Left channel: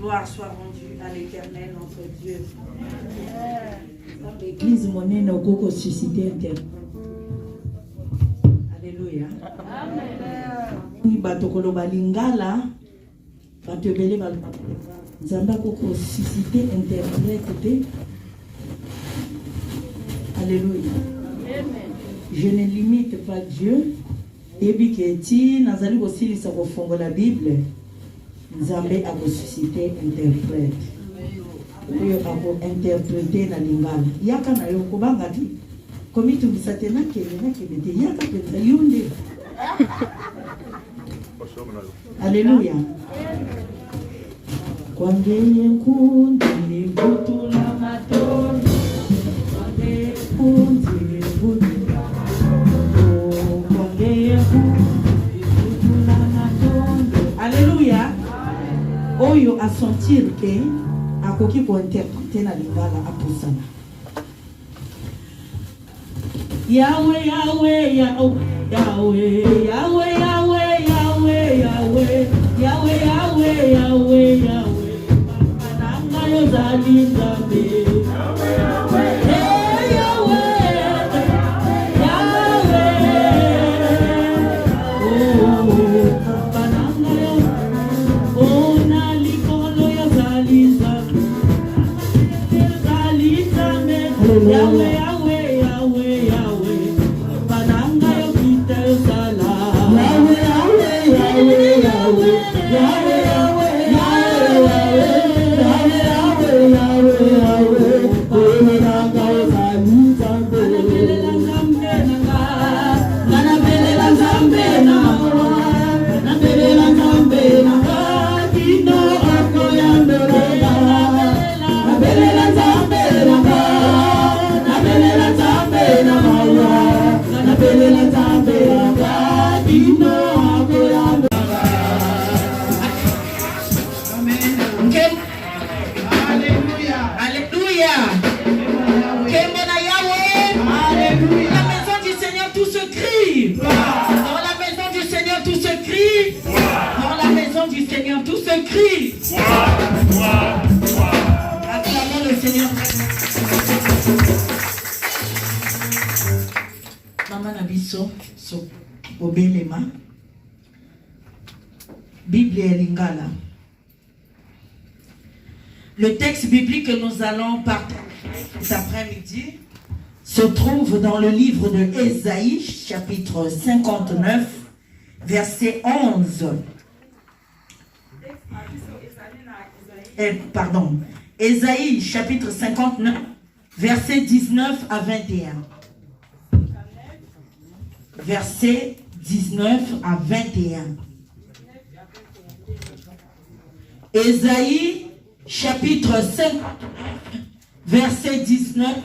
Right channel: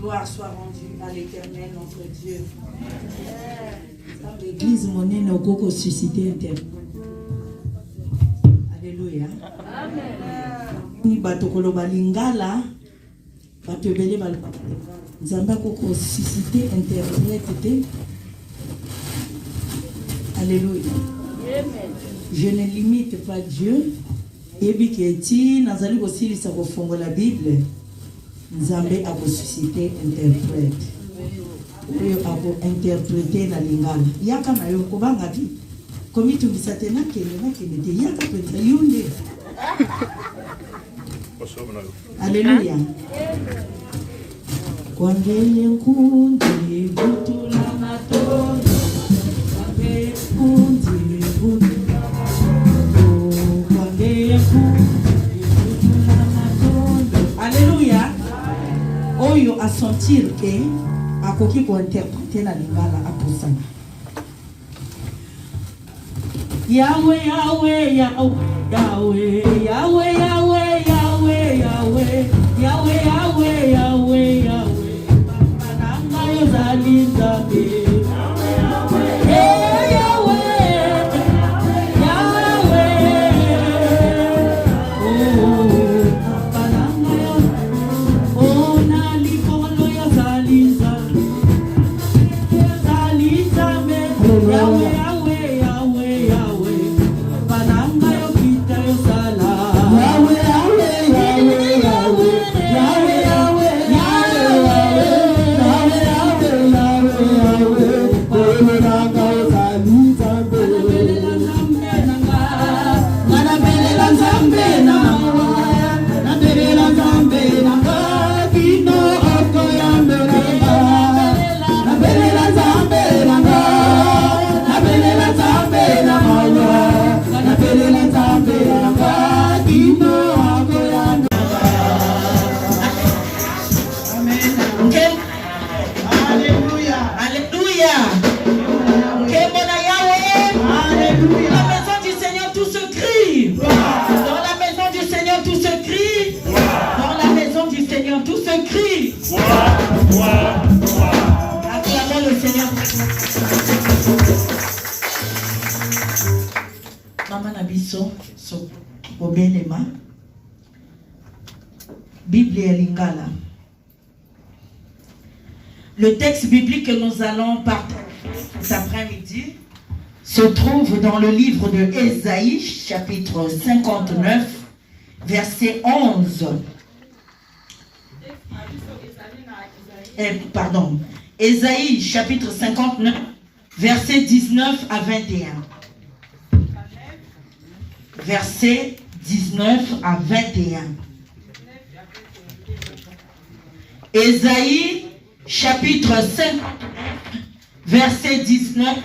Gloire soit rendue à l'Éternel, notre Dieu. L'église monnaie au suscité interne. Alléluia. Amen. Batokolo balingala, batobele balingala. Nzamba koko suscité internet. Alléluia. Je ne limite pas Dieu. Ebi keti nazali kosilisa kofongo la Bible. Nzambe a suscité interprète. Oyo ako interpréter na lingala. Yaka na yo kobanga ki. Komi tumbisa tena kele te yaka peta yunde. Alléluia. Kwangele nkundi butula matoni. Kwangele nkundi butula. Kwangele nkundi butula matoni. Alléluia. Oyo a sentir que akoki ko interpréter na lingala aposana. Yahweh, Yahweh, Yahweh, Yahweh, Yahweh, Yahweh, Yahweh, Yahweh, Yahweh, Yahweh, Yahweh, Yahweh. Mananga yo zalindabe. Yahweh, Yahweh, Yahweh, Yahweh. Oh, mananga yo. Oh, nalikolo yo zalindabe. Zalindabe. Yahweh. Bible et Lingala. Le texte biblique que nous allons partager cet après-midi se trouve dans le livre de Ésaïe, chapitre 59, verset 11. Ésaïe, chapitre 59, verset 19 à 21. Verset 19 à 21. Ésaïe, chapitre 5, verset 19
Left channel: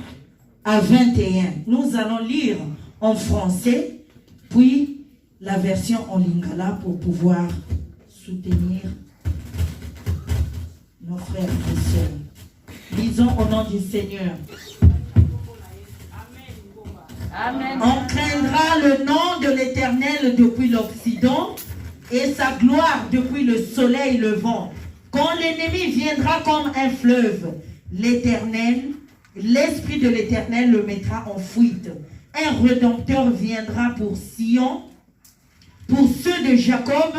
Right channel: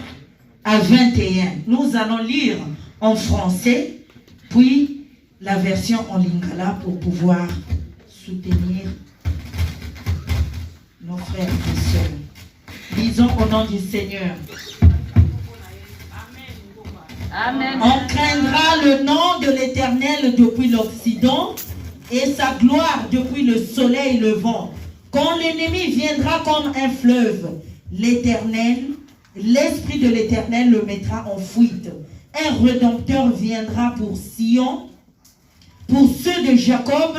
à 21. Nous allons lire en français, puis la version en lingala pour pouvoir soutenir nos frères et sœurs. Lisons au nom du Seigneur. Amen. On craindra le nom de l'Éternel depuis l'Occident et sa gloire depuis le soleil levant. Quand l'ennemi viendra comme un fleuve, l'Esprit de l'Éternel le mettra en fuite. Un Rédempteur viendra pour Sion, pour ceux de Jacob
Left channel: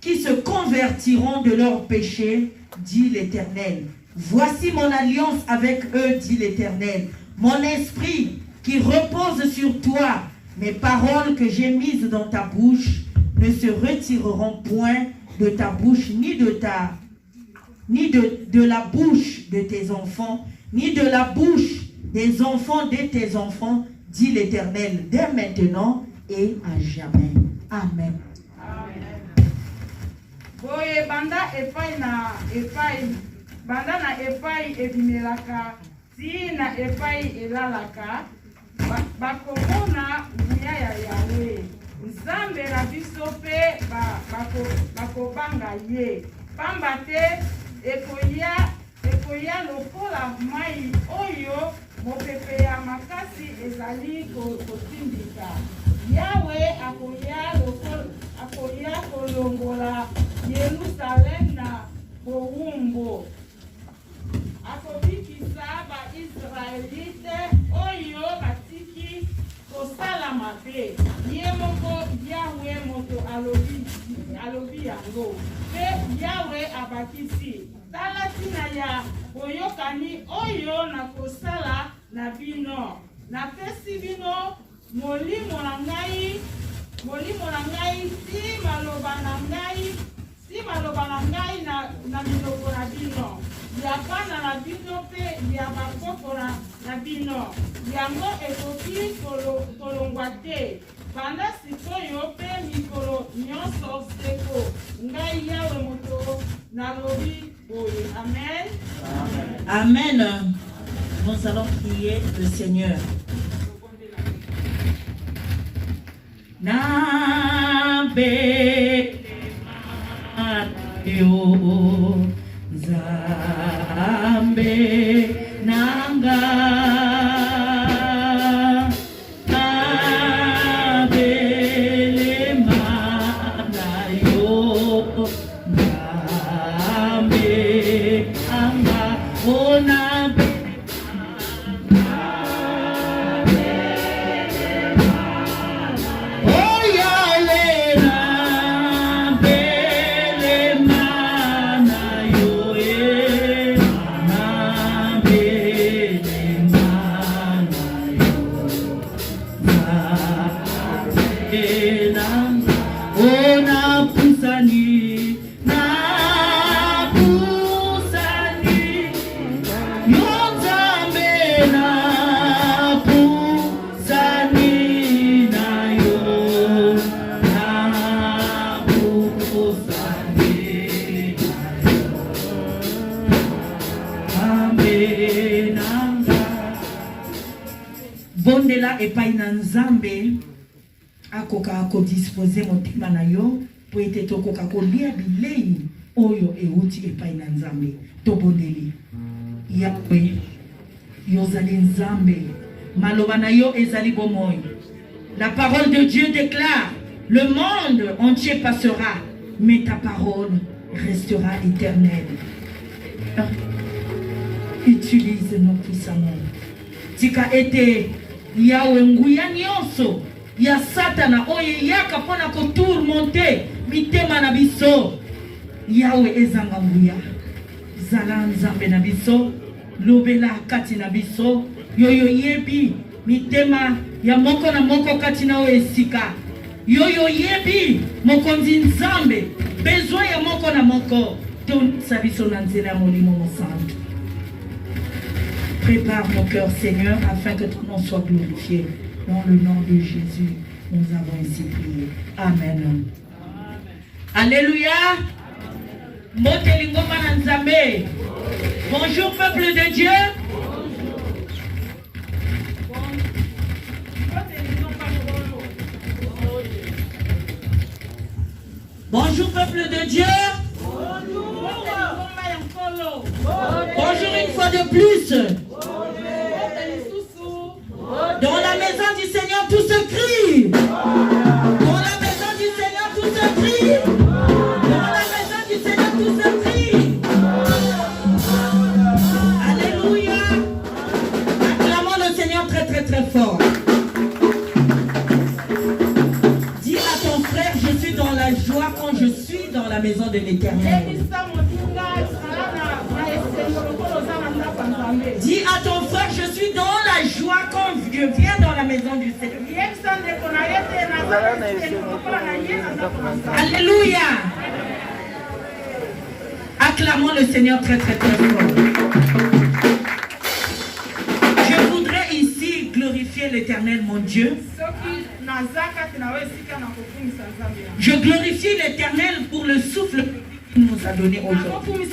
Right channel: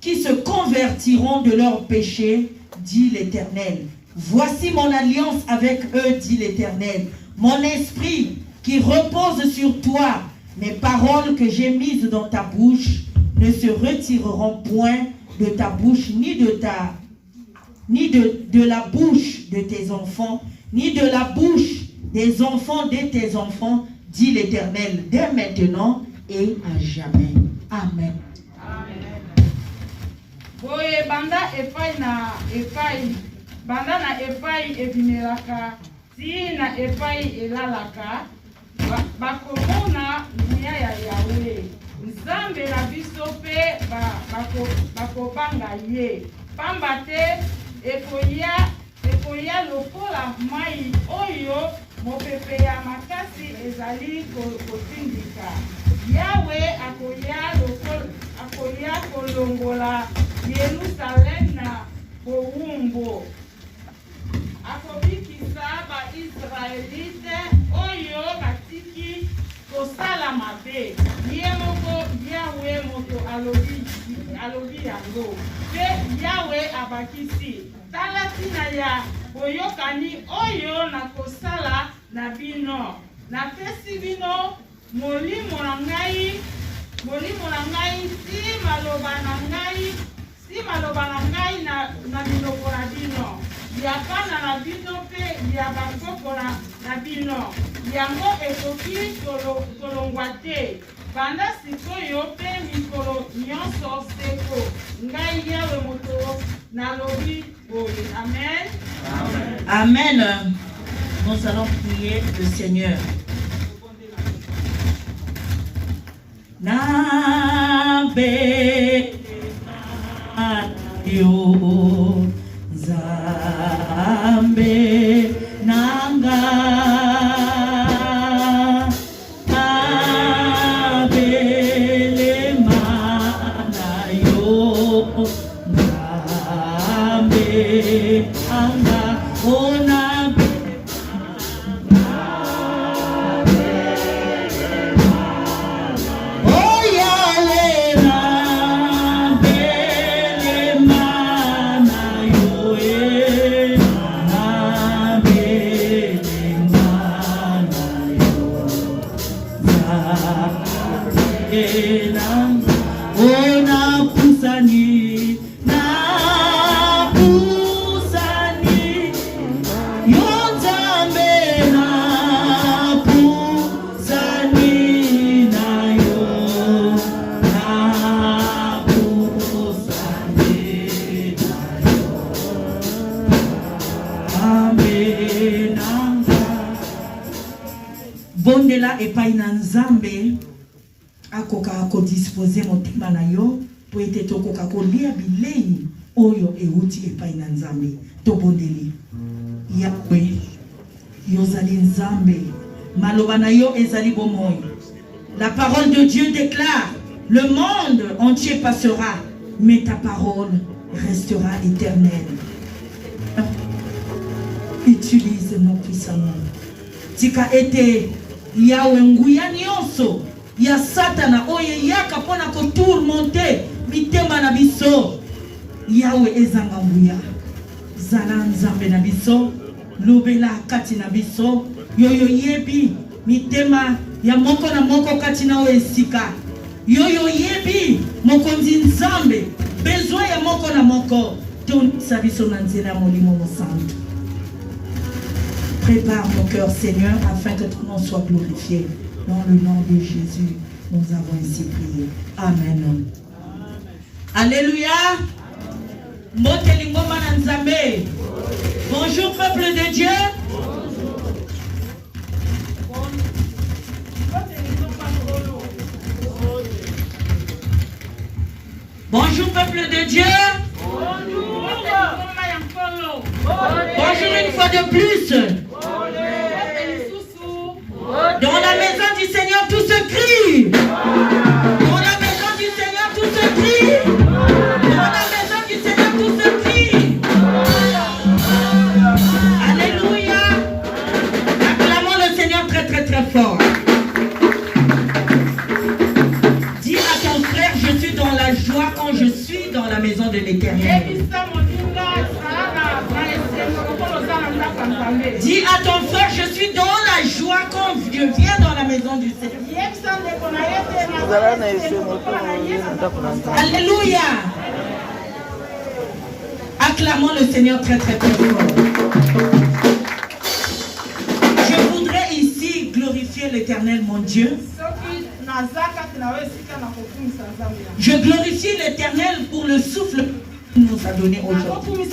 qui se convertiront de leurs péchés, dit l'Éternel. Voici mon alliance avec eux, dit l'Éternel. Mon esprit qui repose sur toi, mes paroles que j'ai mises dans ta bouche ne se retireront point de ta bouche, ni de la bouche de tes enfants, ni de la bouche des enfants de tes enfants, dit l'Éternel, dès maintenant et à jamais. Amen. Boye banda epai na epai, banda na epai ebimelaka, si na epai elalaka, bakomona nguya ya Yahweh. Nzambe na biso pe bakobanga ye. Pamba te ekoya lokola mai oyo mopepe ya makasi ezali kotindika. Yahweh akoya kolongola Yerusalem na bowumbu. nkombo akobikisa baisraelite oyo batiki kosala mabe ye moko yawe moto alobi yango mpe yawe abakisi tala ntina ya boyokani oyo nakosala na bino napesi bino molimo na ngai si maloba na ngai na minoko na bino ya bana na bino mpe ya bakoko na bino yango ekoki kolongwa te banda sikoyo mpe mikolo nyonso seko ngai yawe moto nalobi boye. Amen. Amen. Nous allons prier le Seigneur. Nabe yo zambe nanga abele mana yo zambe anga ona bondela epai na nzambe akoka kodisposer motema na yo po ete tokoka kolia bilei oyo euti epai na nzambe tobondeli yawe yozali nzambe maloba na yo ezali bomoi. La parole de Dieu déclare le monde entier passera mais ta parole restera éternelle. Utilise-nous puissamment. Tika ete yawe nguya nyonso ya satana oyo yaka pona ko tourmenter mitema na biso yawe ezanga nguya zala nzambe na biso lobela kati na biso yoyo yebi mitema ya moko na moko kati na o esika yoyo yebi mokonzi nzambe besoin ya moko na moko tonisa biso na nzela ya molimo mosantu. Prépare mon cœur, Seigneur, afin que ton nom soit glorifié. Dans le nom de Jésus, nous avons ainsi prié. Amen. Alléluia. Bonjour, peuple de Dieu. Bonjour, peuple de Dieu. Bonjour une fois de plus. Dans la maison du Seigneur, tout se crie. Dans la maison du Seigneur, tout se crie. Dans la maison du Seigneur, tout se crie. Alléluia. Acclamons le Seigneur très très très fort. Dis à ton frère, je suis dans la joie quand je suis dans la maison de l'Éternel. Dis à ton frère, je suis dans la joie quand je viens dans la maison du Seigneur. Alléluia. Acclamons le Seigneur très très très fort. Je voudrais ici glorifier l'Éternel mon Dieu. Je glorifie l'Éternel pour le souffle qu'il nous a donné aujourd'hui.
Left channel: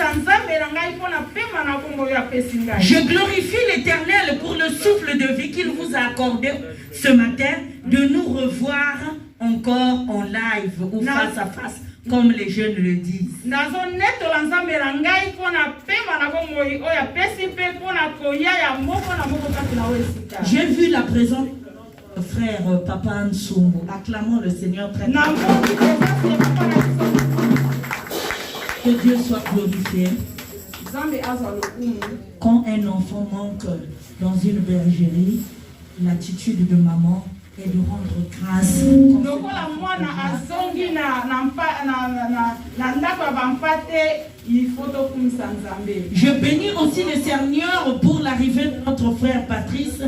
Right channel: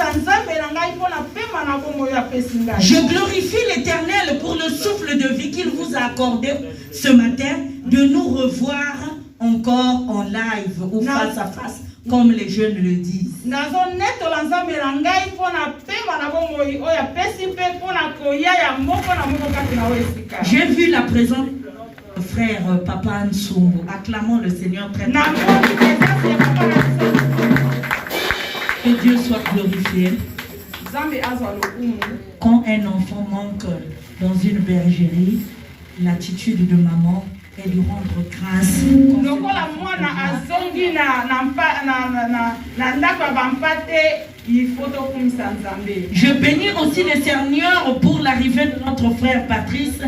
Je glorifie l'Éternel pour le souffle de vie qu'il vous a accordé ce matin, de nous revoir encore en live ou face à face, comme les jeunes le disent. J'ai vu la présence de frère Papa Nsumbu. Acclamons le Seigneur très très fort. Que Dieu soit glorifié. Nzambe azwa lokumu. Quand un enfant manque dans une bergerie, l'attitude de maman est de rendre grâce. Lokola mwana azongi na ndako ya bampate, il faut tokumisa Nzambe. Je bénis aussi le Seigneur pour l'arrivée de notre frère Patrice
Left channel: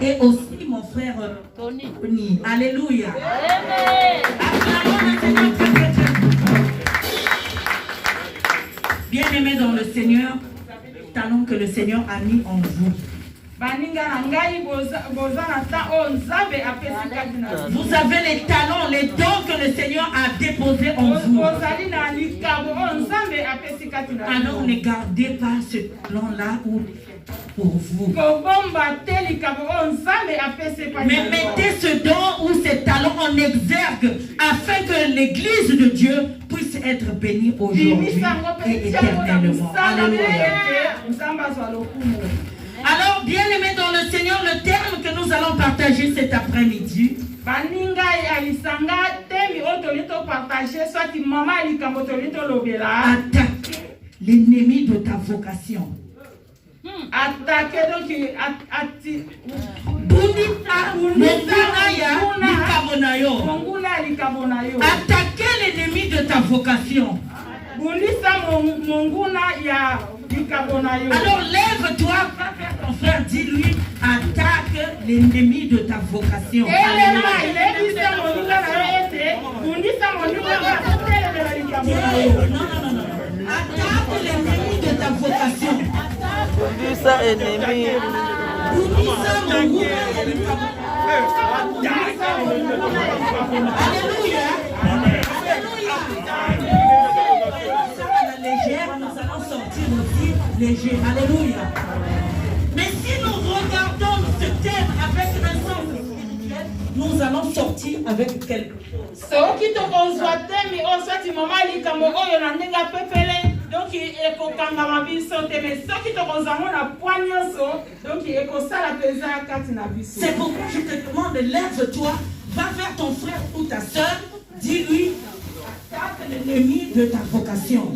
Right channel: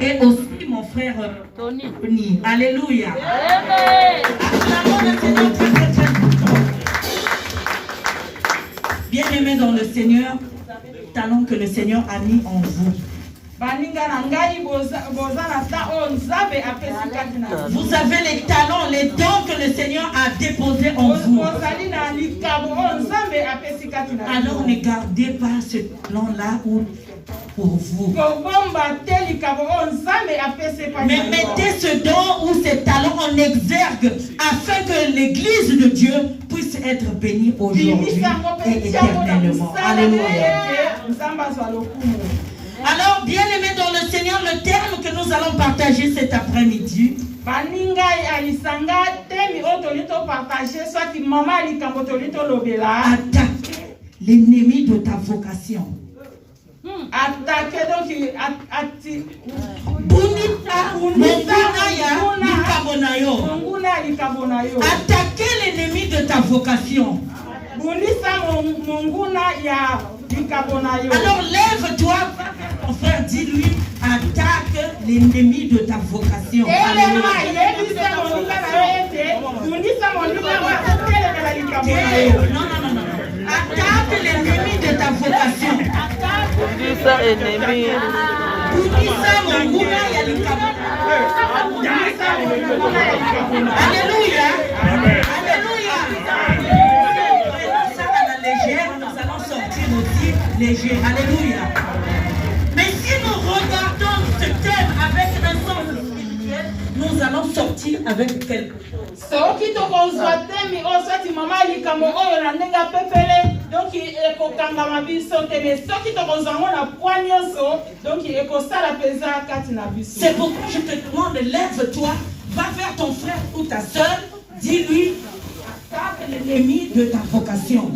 et aussi mon frère Tony. Alléluia. Bien-aimés dans le Seigneur, talent que le Seigneur a mis en vous. Vous avez les talents, les dons que le Seigneur a déposés en vous. Alors ne gardez pas ce talent-là pour vous. Mais mettez ce don ou ces talents en exergue afin que l'église de Dieu puisse être bénie aujourd'hui et éternellement. Alléluia. Alors, bien-aimés dans le Seigneur, le terme que nous allons partager cet après-midi, attaquer l'ennemi de ta vocation. Attaquer donc attaquer l'ennemi de ta vocation. Alors lève-toi, va vers ton frère, dis-lui, attaque l'ennemi de ta vocation. Non. Attaque l'ennemi de ta vocation. Bundisa ennemi. Alléluia. Alléluia. Nous allons sortir aussi léger. Alléluia. Mais si nous regardons ce thème avec un sens spirituel, nous allons sortir avec quelque chose. C'est pourquoi je te demande, lève-toi, va vers ton frère ou ta soeur, dis-lui, attaque l'ennemi de ta vocation.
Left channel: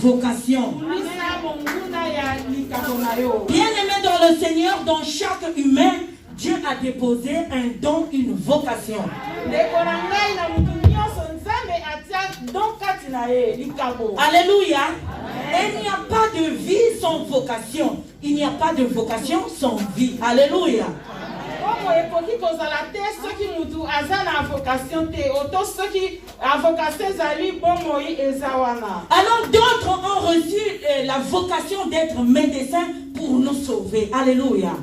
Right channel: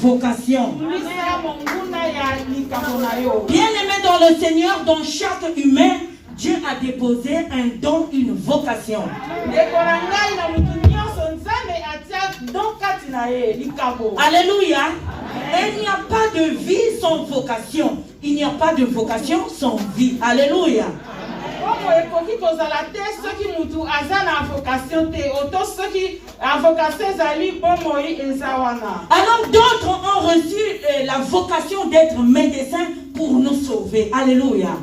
vocation. Bien-aimé dans le Seigneur, dans chaque humain, Dieu a déposé un don, une vocation. Alléluia. Et il n'y a pas de vie sans vocation. Il n'y a pas de vocation sans vie. Alléluia. Alors d'autres ont reçu la vocation d'être médecins pour nous sauver. Alléluia.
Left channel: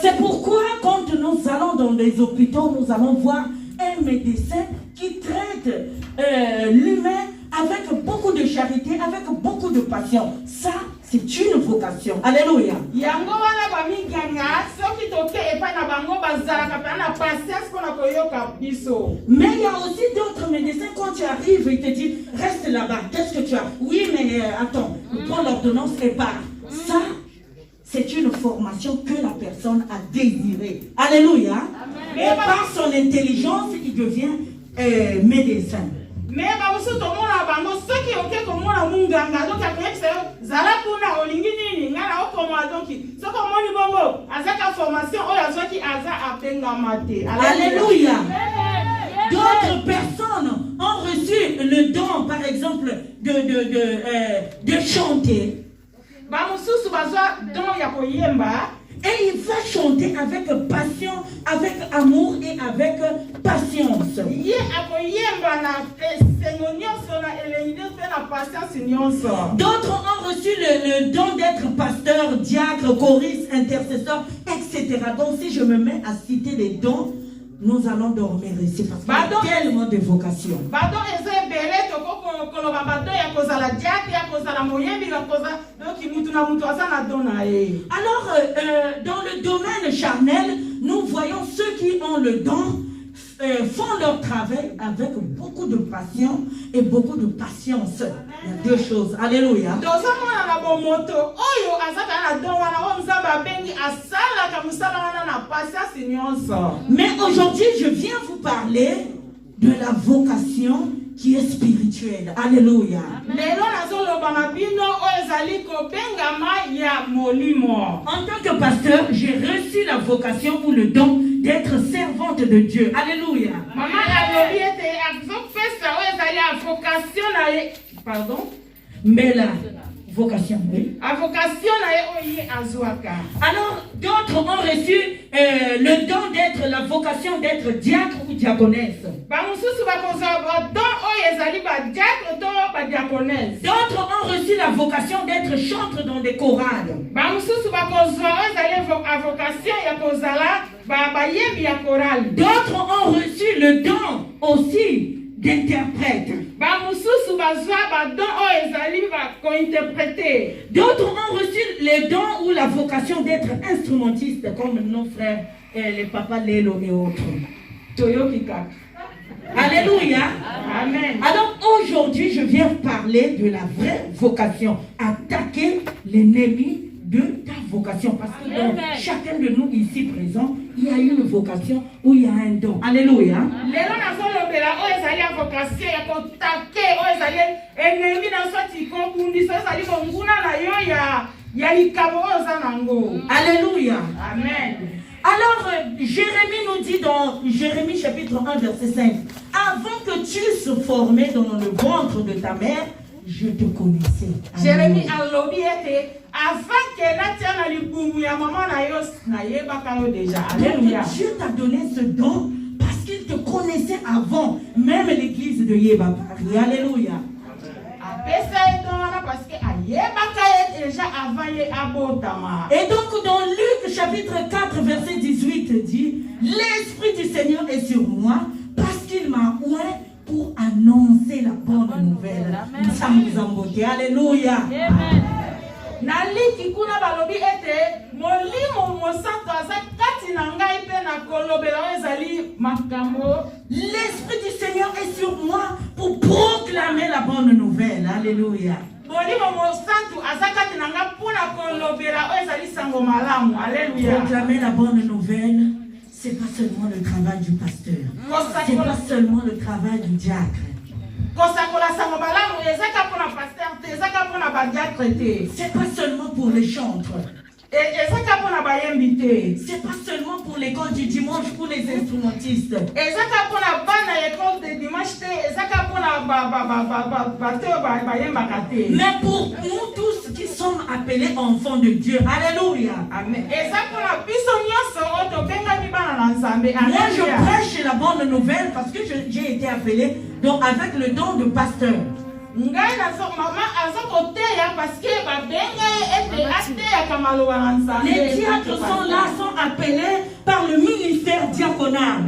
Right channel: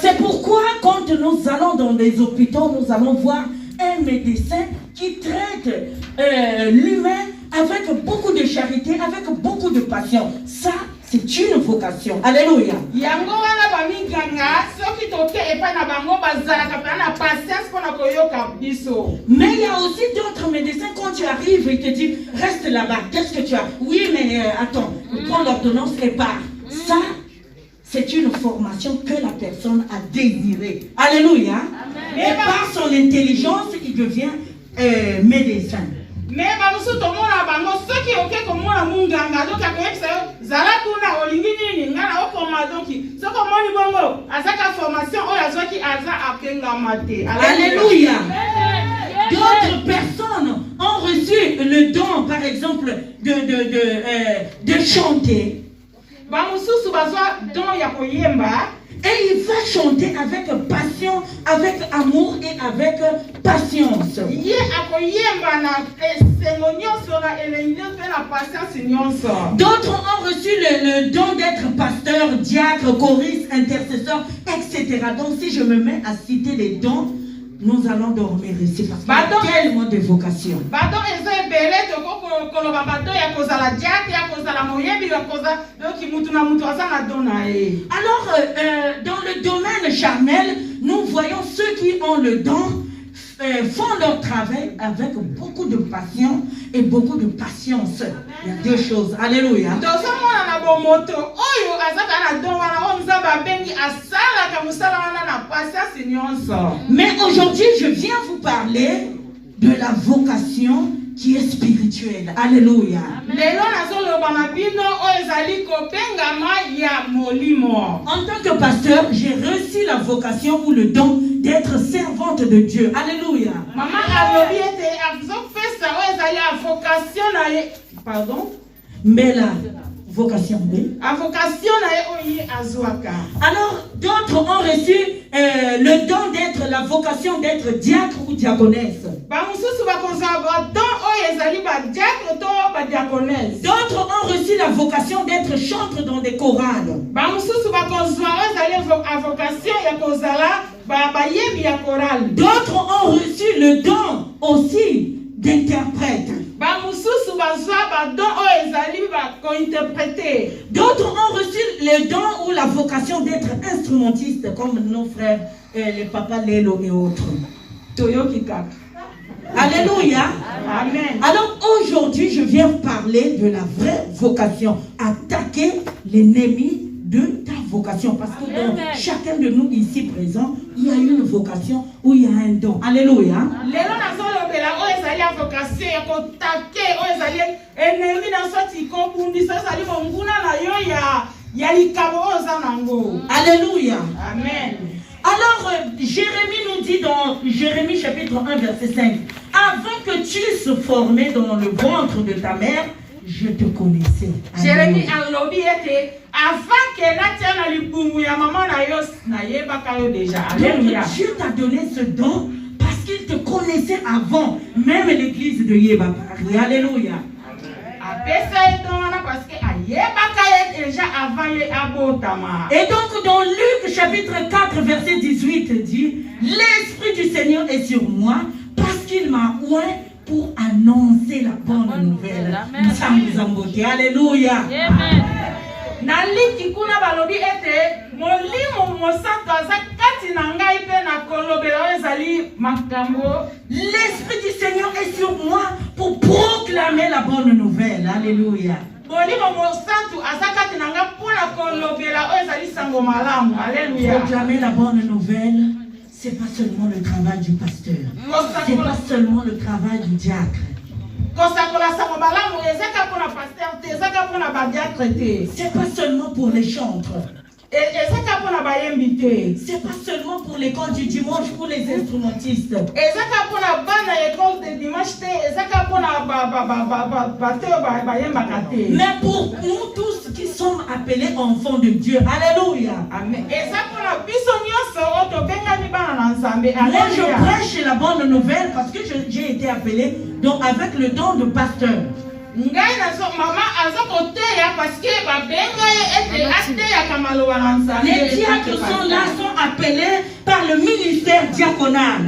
C'est pourquoi quand nous allons dans les hôpitaux, nous allons voir un médecin qui traite l'humain avec beaucoup de charité, avec beaucoup de passion. Ça, c'est une vocation. Alléluia. Mais il y a aussi d'autres médecins, quand tu arrives, ils te disent, reste là-bas, qu'est-ce que tu as? Oui, mais attends, prends l'ordonnance et pars. Ça, c'est une formation que la personne a désirée. Alléluia. Amen. Et par son intelligence, il devient médecin. Mais bamusu tomona bango soki oke komona munganga donc akuyebisa zala kuna olingi nini ngana okoma donc soko moni bongo azaka formation oyo azwaki aza apengama te. Alléluia. D'autres personnes ont reçu le don, par exemple, de chanter. Bamususu bazwa don ya koyemba. Et il va chanter avec passion, avec amour et avec patience. D'autres ont reçu le don d'être pasteur, diacre, choriste, intercesseur, etc. Donc si je me mets à citer les dons, nous allons dormir ici parce qu'il y a tellement de vocations. Alors, dans le domaine charnel, nous voyons ceux qui ont le don font leur travail avec beaucoup de passion et beaucoup de patience. Il y a deux choses. Alléluia. Mais aujourd'hui, je viens vous parler de la vocation qui est spirituelle. Alléluia. En tant que pasteur, j'ai reçu la vocation ou le don d'être servante de Dieu. Alléluia. Pardon? Mais la vocation, oui. Alors, d'autres ont reçu le don d'être, la vocation d'être diacre ou diaconesse. D'autres ont reçu la vocation d'être chanteur dans des chorales. D'autres ont reçu le don aussi d'interprète. D'autres ont reçu le don ou la vocation d'être instrumentiste, comme nos frères, les papas Lélo et autres. Alléluia. Amen. Alors aujourd'hui, je viens parler de la vraie vocation. Attaquer l'ennemi de ta vocation. Parce que dans chacun de nous ici présents, il y a une vocation ou il y a un don. Alléluia. Alléluia. Amen. Alors, Jérémie nous dit dans Jérémie chapitre 1, verset 5, avant que tu sois formé dans le ventre de ta mère, je te connaissais. Jérémie a lobby était avant que Natia na libumu ya maman na yo na yeba kayo déjà. Alléluia. Dieu t'a donné ce don parce qu'il te connaissait avant même l'église de Yébakari. Alléluia. Et donc dans Luc chapitre 4 verset 18 dit, l'Esprit du Seigneur est sur moi parce qu'il m'a oint pour annoncer la bonne nouvelle. Nous sommes alléluia. Amen. Naliki kuna balobi ete molimo mosanto aza kati na ngai pe na kolobela ezali makambo. L'Esprit du Seigneur est sur moi pour proclamer la bonne nouvelle. Alléluia. Molimo mosanto aza kati na ngai pona kolobela ezali sango malamu. Alléluia. Proclamer la bonne nouvelle, c'est pas seulement le travail du pasteur. C'est pas seulement le travail du diacre. C'est pas seulement pour les chantres. C'est pas seulement pour l'école du dimanche pour les instrumentistes. Mais pour nous tous qui sommes appelés enfants de Dieu. Alléluia. Amen. Moi je prêche la bonne nouvelle parce que j'ai été appelé donc avec le don de pasteur. Les diacres sont là, sont appelés par le ministère diaconal.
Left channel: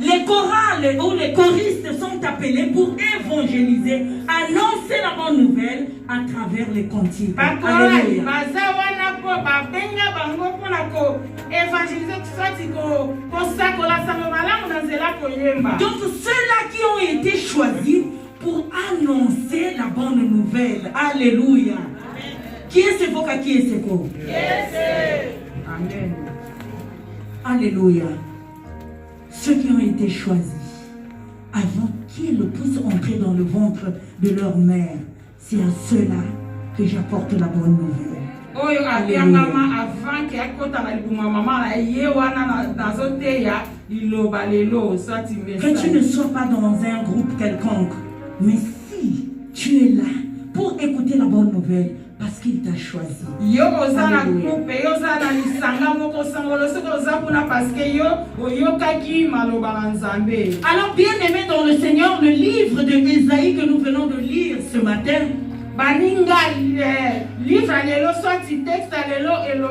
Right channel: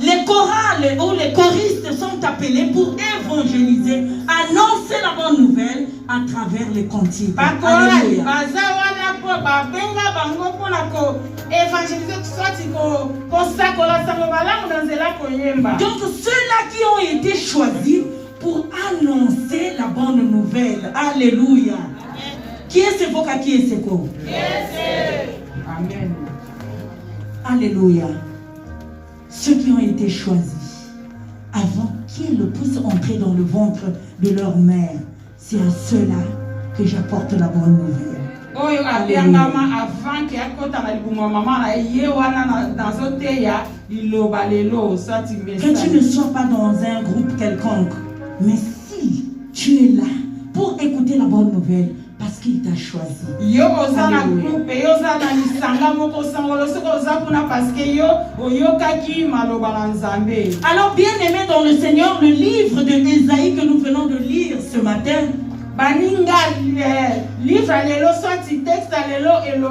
Les chorales ou les choristes sont appelés pour évangéliser, annoncer la bonne nouvelle à travers les cantiques. Alléluia. Donc ceux-là qui ont été choisis pour annoncer la bonne nouvelle. Alléluia. Qui est ce voca, qui est ce corps? Amen. Alléluia. Ceux qui ont été choisis avant qu'ils puissent entrer dans le ventre de leur mère, c'est à ceux-là que j'apporte la bonne nouvelle. Oyo abiangama avant ki akota na libuma mama na ye wana na zoteya liloba lelo sati Que message. tu ne sois pas dans un groupe quelconque, mais si tu es là pour écouter la bonne nouvelle, parce qu'il t'a choisi. Yo oza na Alléluia. groupe yo oza na lisanga moko sangolo soko oza kuna parce que yo oyokaki maloba na Nzambe. Alors, bien-aimés dans le Seigneur, le livre de Ésaïe que nous venons de lire ce matin, Baninga livre lelo soit texte lelo oyo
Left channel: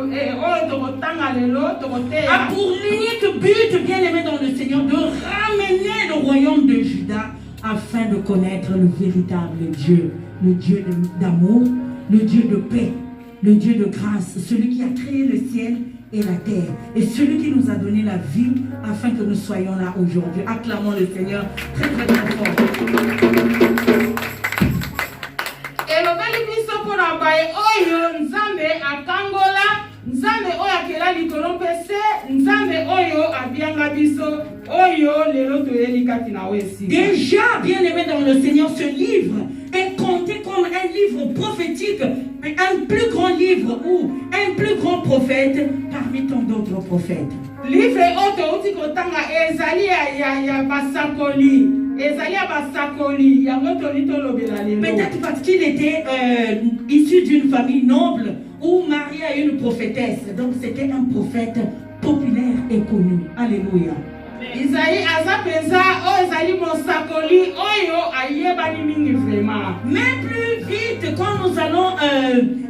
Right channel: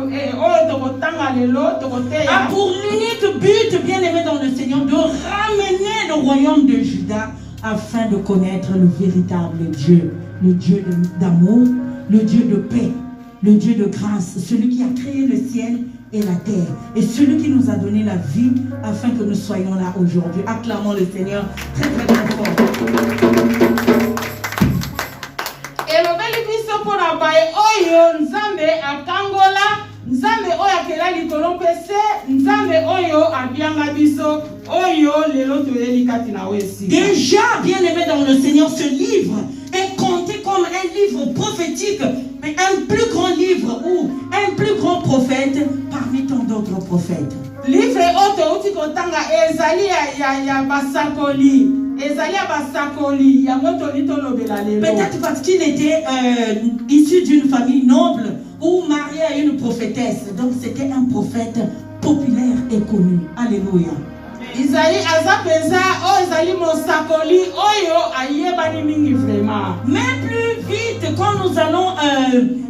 tokotanga lelo a tokoteya. pour l'unique but, bien-aimés dans le Seigneur, de ramener le royaume de Juda afin de connaître le véritable Dieu, le Dieu d'amour, le Dieu de paix, le Dieu de grâce, celui qui a créé le ciel et la terre, et celui qui nous a donné la vie afin que nous soyons là aujourd'hui. Acclamons le Seigneur très très très fort. Elobeli biso mpona baye oyo Nzambe akangola, Nzambe oyo akela likolo pese, Nzambe oyo abianga biso, oyo lelo toyeli kati na wesi. Déjà, bien-aimés dans le Seigneur, ce livre est compté comme un livre prophétique, un plus grand livre ou un plus grand prophète parmi tant d'autres prophètes. Livre oyo touti kotanga ezali ya basakoli, ezali ya basakoli, yango toli tolobela lelo. Peut-être parce qu'il était issu d'une famille noble ou marié à une prophétesse. Donc c'était un prophète populaire et connu. Alléluia. Isaïe aza penza oyo ezali mosakoli oyo ayebani mingi vraiment. Mais plus vite, quand nous allons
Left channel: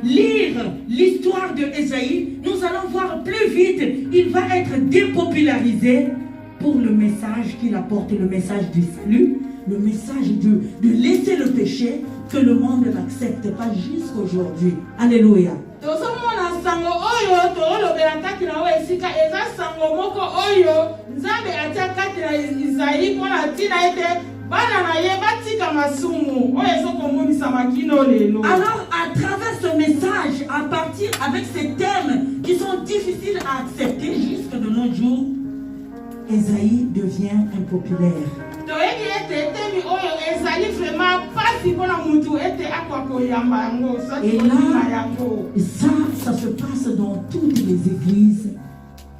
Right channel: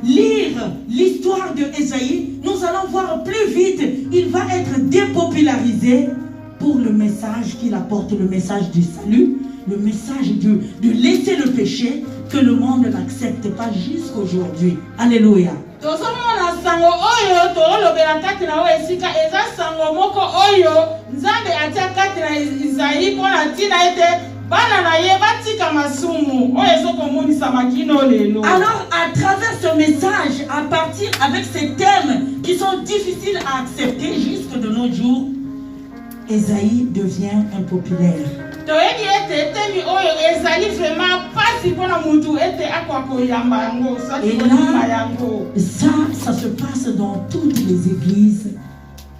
lire l'histoire de Ésaïe, nous allons voir plus vite, il va être dépopularisé pour le message qu'il apporte, le message du salut, le message de laisser le péché, que le monde n'accepte pas jusqu'aujourd'hui. Alléluia. Tozomona sango oyo tolobela kati na oyo esika eza sango moko oyo Nzambe atia kati na Isaïe mpona ntina ete bana na ye batika masumu oyo ezokomonisa makino lelo. Alors, à travers ce message, à partir avec ces thèmes qui sont difficiles à accepter jusque de nos jours, Ésaïe devient impopulaire. Toyebi ete temi oyo ezali vraiment pasi mpona mutu ete akwa koyamba yango soki kolima yango. Ça se passe dans toutes les églises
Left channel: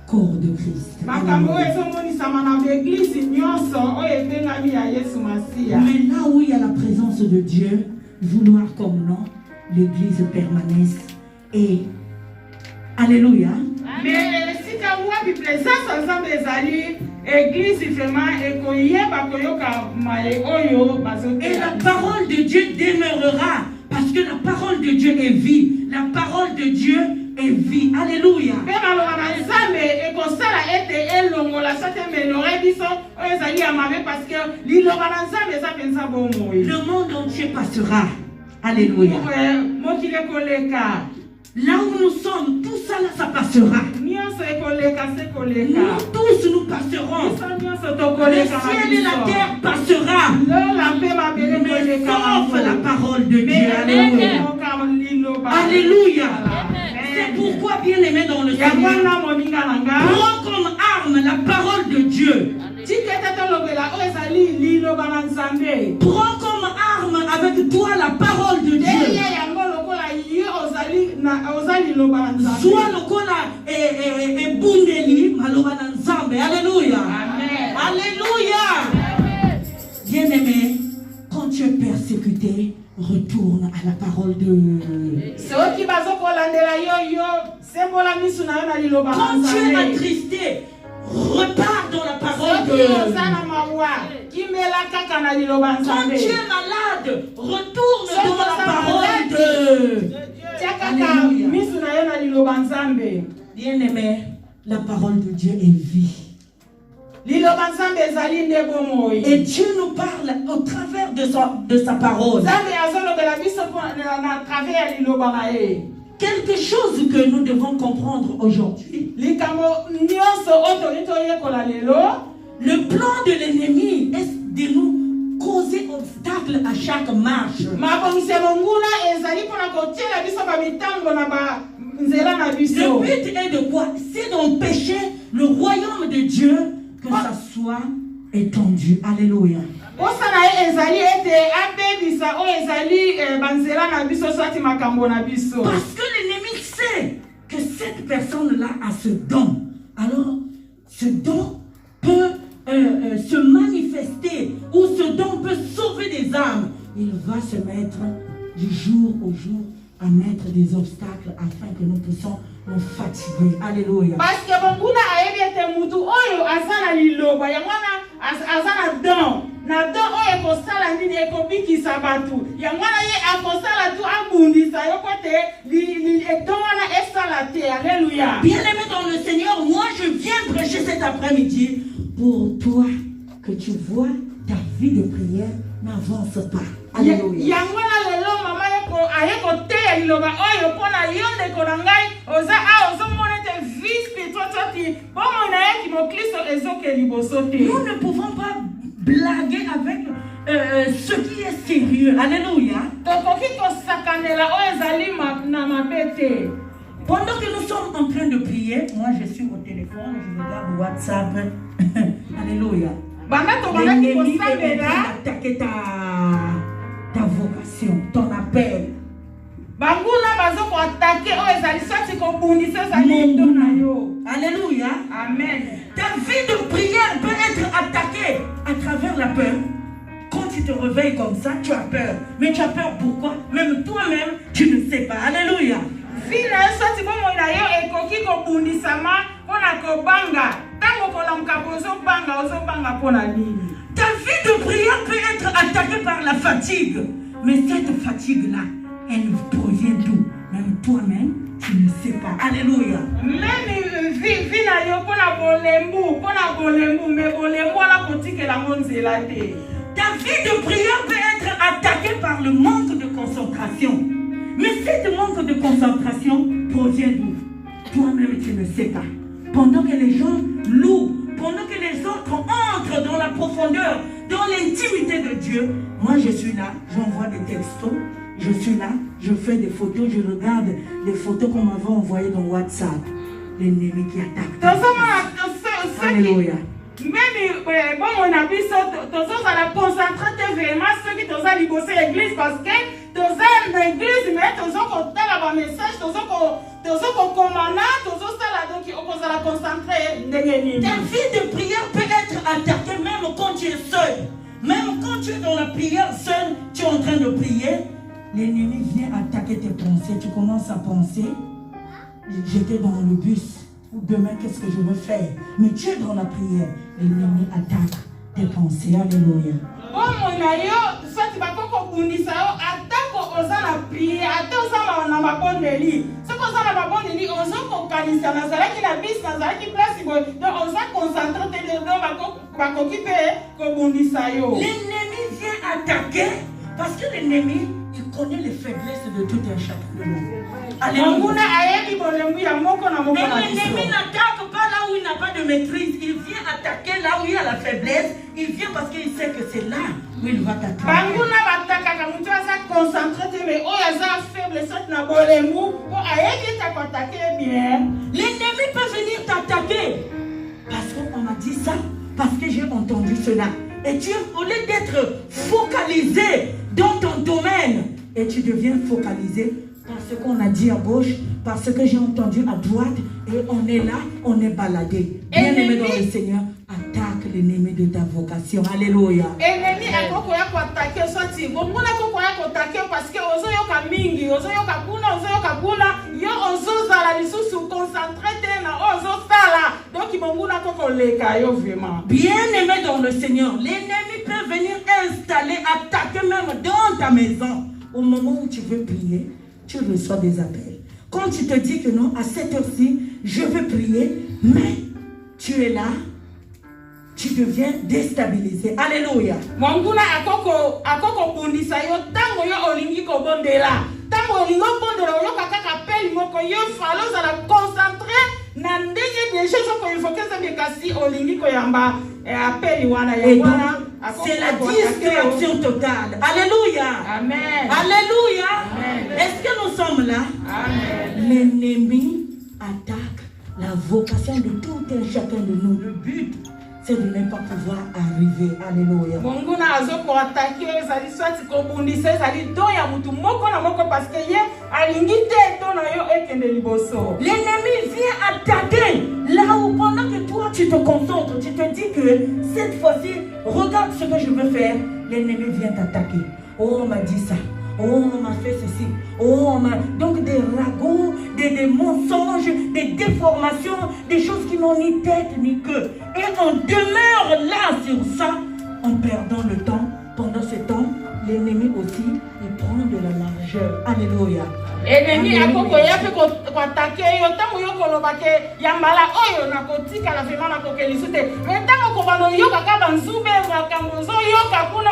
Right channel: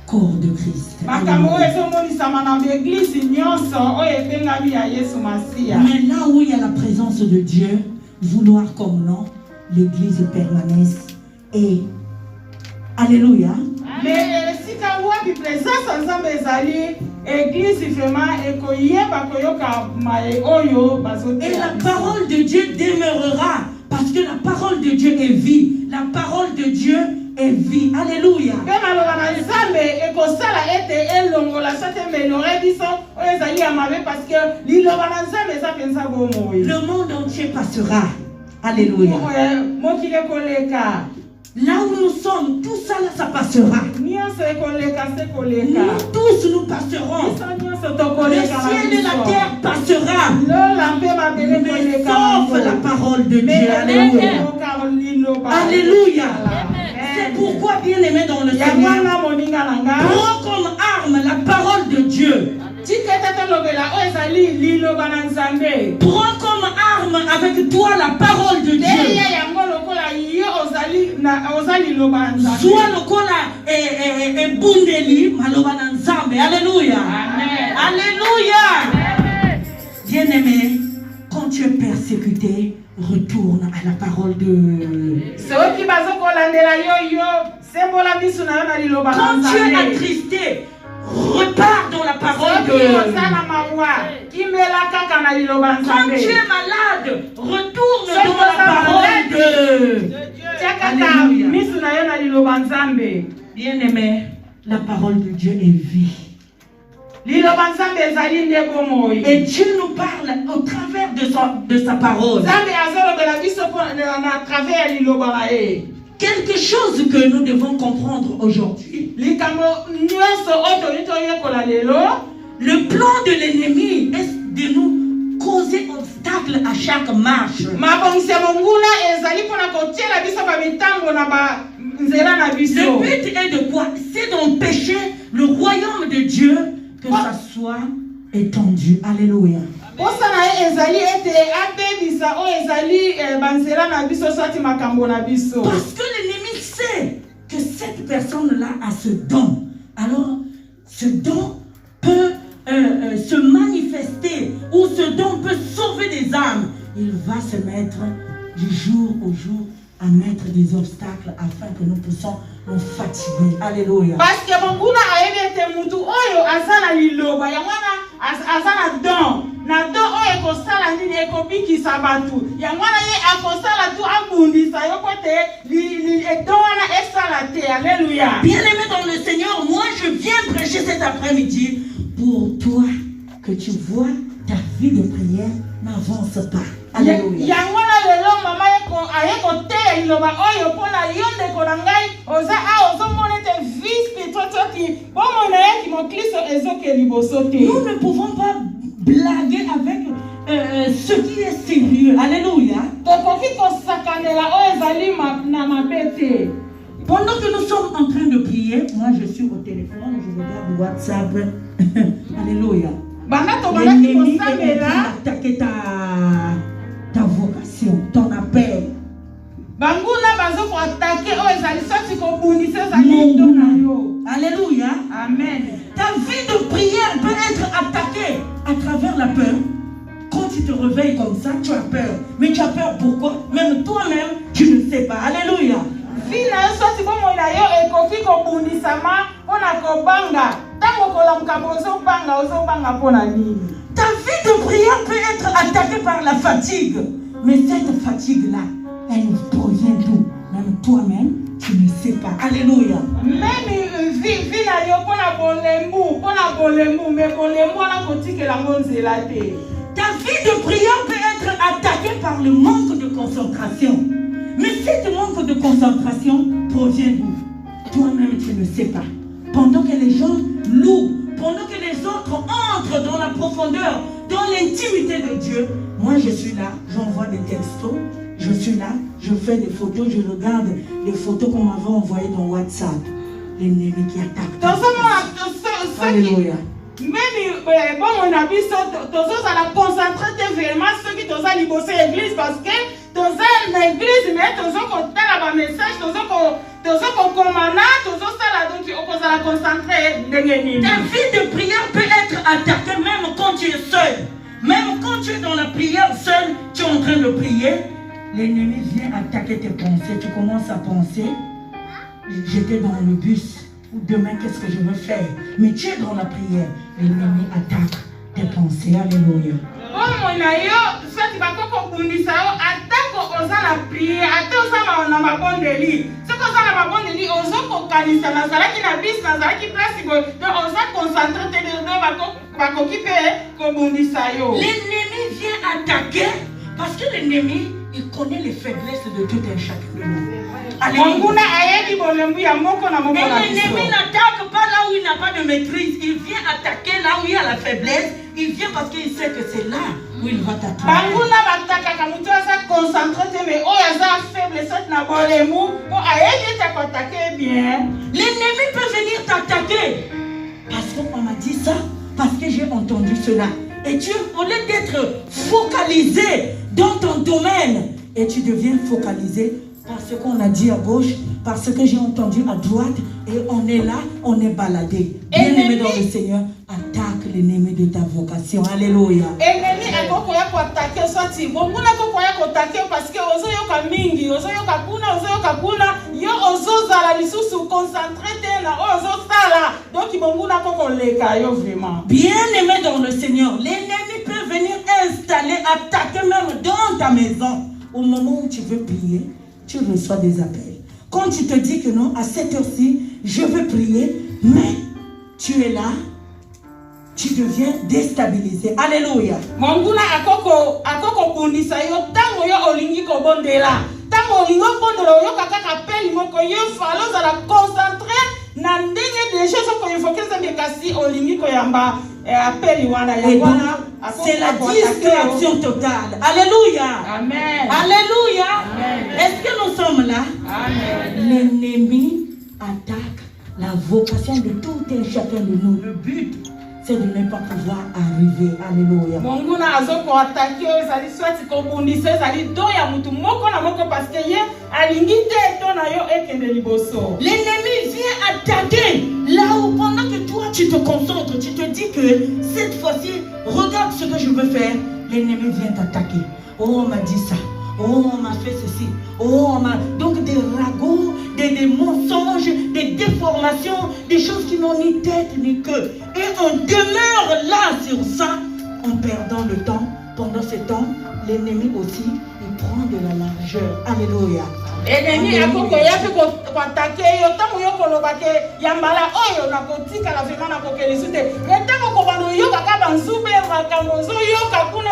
corps de Christ. Makambo oyo ezomonisama na baeglise nyonso oyo etengami ya Yesu Masiya. Mais là où il y a la présence de Dieu, vouloir comme non, l'église permanesse et alléluia. Mais esika wapi présence Nzambe ezali église vraiment ekoyeba koyoka maye oyo bazote. Et la parole de Dieu demeurera parce que la parole de Dieu est vie. La parole de Dieu est vie. Alléluia. Pe maloba na Nzambe ekosala ete elongola soki améliore biso oyo ezali ya mabe parce que liloba na Nzambe eza penza bomoi. Le monde entier passera. Alléluia. Mokili ekoleka. Là où nous sommes, tout ça là, ça passera. Nyonso ekoleka se koleka. Nous tous nous passerons. Biso nyonso Le tokoleka. ciel et la terre passera. Lola mpe mabele Mais koleka. sauf la parole de Dieu. Alléluia. Alléluia. C'est pourquoi, bien aimé dans le Seigneur, prends comme arme la parole de Dieu. Prends comme arme avec toi la parole de Dieu. Sois le kola et bundeli maloba na Nzambe. Alléluia. Alléluia. Bien aimé, quand tu es persécuté, retourne à la parole de. Quand tu es attristé, repars dans la parole de. Quand tu es malade, retourne dans la parole de. Alléluia. Bien aimé, la parole de Dieu est vie. Et Dieu nous parle au travers de sa parole. Quelque chose que nous devons comprendre aujourd'hui. Le plan de l'ennemi est de nous causer obstacle à chaque marche. Le but est de quoi? C'est d'empêcher le royaume de Dieu que ça soit étendu. Alléluia. Parce que l'ennemi sait que cette personne-là a ce don. Alors, ce don peut se manifester ou ce don peut sauver des âmes. Il va se mettre du jour au jour à mettre des obstacles afin que nous puissions nous fatiguer. Alléluia. Parce que mon a aidé mutu oyo azana liloba yangwana azana don na don oyo kosala ndini ekobiki sabatu yangwana ye akosala tu abundisa yokote li edona esalate. Alléluia. Bien-aimé dans le Seigneur, moi je viens prêcher cet après-midi pour toi que tu vois ta vie de prière n'avance pas. Alléluia. Nous ne pouvons pas blaguer avec ce qui est sérieux. Alléluia. Pendant que nous sommes en train de prier, moi je suis au téléphone, je regarde WhatsApp. Alléluia. L'ennemi est attaquer ta vocation, ton appel. Alléluia. Amen. Ta vie de prière peut être attaquée à travers la peur. Quand tu te réveilles comme ça, tu as peur. Mais tu as peur pourquoi? Même toi-même, tu ne sais pas. Alléluia. Ta vie de prière peut être attaquée par la fatigue. Mais cette fatigue-là, elle provient d'où? Même toi-même, tu ne sais pas. Alléluia. Ta vie de prière peut être attaquée par le manque de concentration. Mais cette manque de concentration provient d'où? Toi-même, tu ne sais pas. Pendant que les gens louent, pendant que les autres entrent dans la profondeur, dans l'intimité de Dieu, moi je suis là, j'envoie des textos, je suis là, je fais des photos, je regarde les photos qu'on m'avait envoyées dans WhatsApp. L'ennemi qui attaque. Alléluia. Même bon, on a vu ça, tous à la concentrer vraiment ceux qui sont à l'église parce que tous à l'église, mais tous qu'on a la message, tous qu'on commande, tous ça là, donc on peut la concentrer. Ta vie de prière peut être attaquée même quand tu es seul. Même quand tu es dans la prière seul, tu es en train de prier, l'ennemi vient attaquer tes pensées. Tu commences à penser, j'étais dans le bus. Demain, qu'est-ce que je veux faire? Mais tu es dans la prière. L'ennemi attaque tes pensées. Alléluia. L'ennemi vient attaquer parce que l'ennemi, il connaît les faiblesses de tout un chacun de nous. Mais l'ennemi n'attaque pas là où il n'a pas de maîtrise. Il vient attaquer là où il y a la faiblesse. Il vient parce qu'il sait que c'est là où il va t'attaquer. L'ennemi peut venir t'attaquer. Parce qu'on m'a dit ça. Parce que j'ai entendu cela. Et tu, au lieu d'être focalisé dans ton domaine, et tu deviens focalisé par ce qu'on a dit à gauche, par ce que j'ai entendu à droite, et on est là, on est baladé. Bien-aimé dans le Seigneur, attaque l'ennemi de ta vocation. Alléluia. Ennemi est quoi attaquer sorti. Bon, on a quoi attaquer parce que ozo yoka mingi, ozo yoka kuna, yo ozo zala lisusu concentré na ozo sala. Donc bon na ko leka yo vraiment. Bien-aimé dans le Seigneur, l'ennemi peut venir installer, attaquer même dans ta maison. Au moment où tu veux prier, tu reçois des appels. Quand tu te dis que non, à cette heure-ci, je veux prier, mais tu es là, tu deviens déstabilisé. Alléluia. Manguna akoko kundisa yo tango yo olingi ko bondela. Tango olingo bondela yo kaka appel moko yo falo za la concentrer na ndenge des choses ko invoquer ça bien kasi olingi ko yamba appel wana ya wana. C'est la distraction totale. Alléluia. Amen. Alléluia. Amen. Est-ce que nous sommes là? Amen. L'ennemi attaque la vocation de tout et chacun de nous. Le but, c'est de ne pas pouvoir arriver. Alléluia. Monguna azoko attaqué ezali soit kobundisa ezali do ya mutu moko na moko parce que ye alingi te to na yo ekende liboso. L'ennemi vient attaquer là où pendant que toi tu te concentres, tu te dis que cette fois-ci, regarde ce que je veux faire. L'ennemi vient t'attaquer. Oh, on m'a dit ça. Oh, on m'a fait ceci. Oh, on m'a... Donc des ragots, des mensonges, des déformations, des choses qui n'ont ni tête ni queue. Et on demeure là sur ça en perdant le temps. Pendant ce temps, l'ennemi aussi, il prend de la largeur. Alléluia. Ennemi akoko ya pe ko attaquer yo tango yo ko lobake ya mala oyo na kotika na vema na kokelisu te. Mais tango ko bano yo kaka banzube makambo zo yo kakuna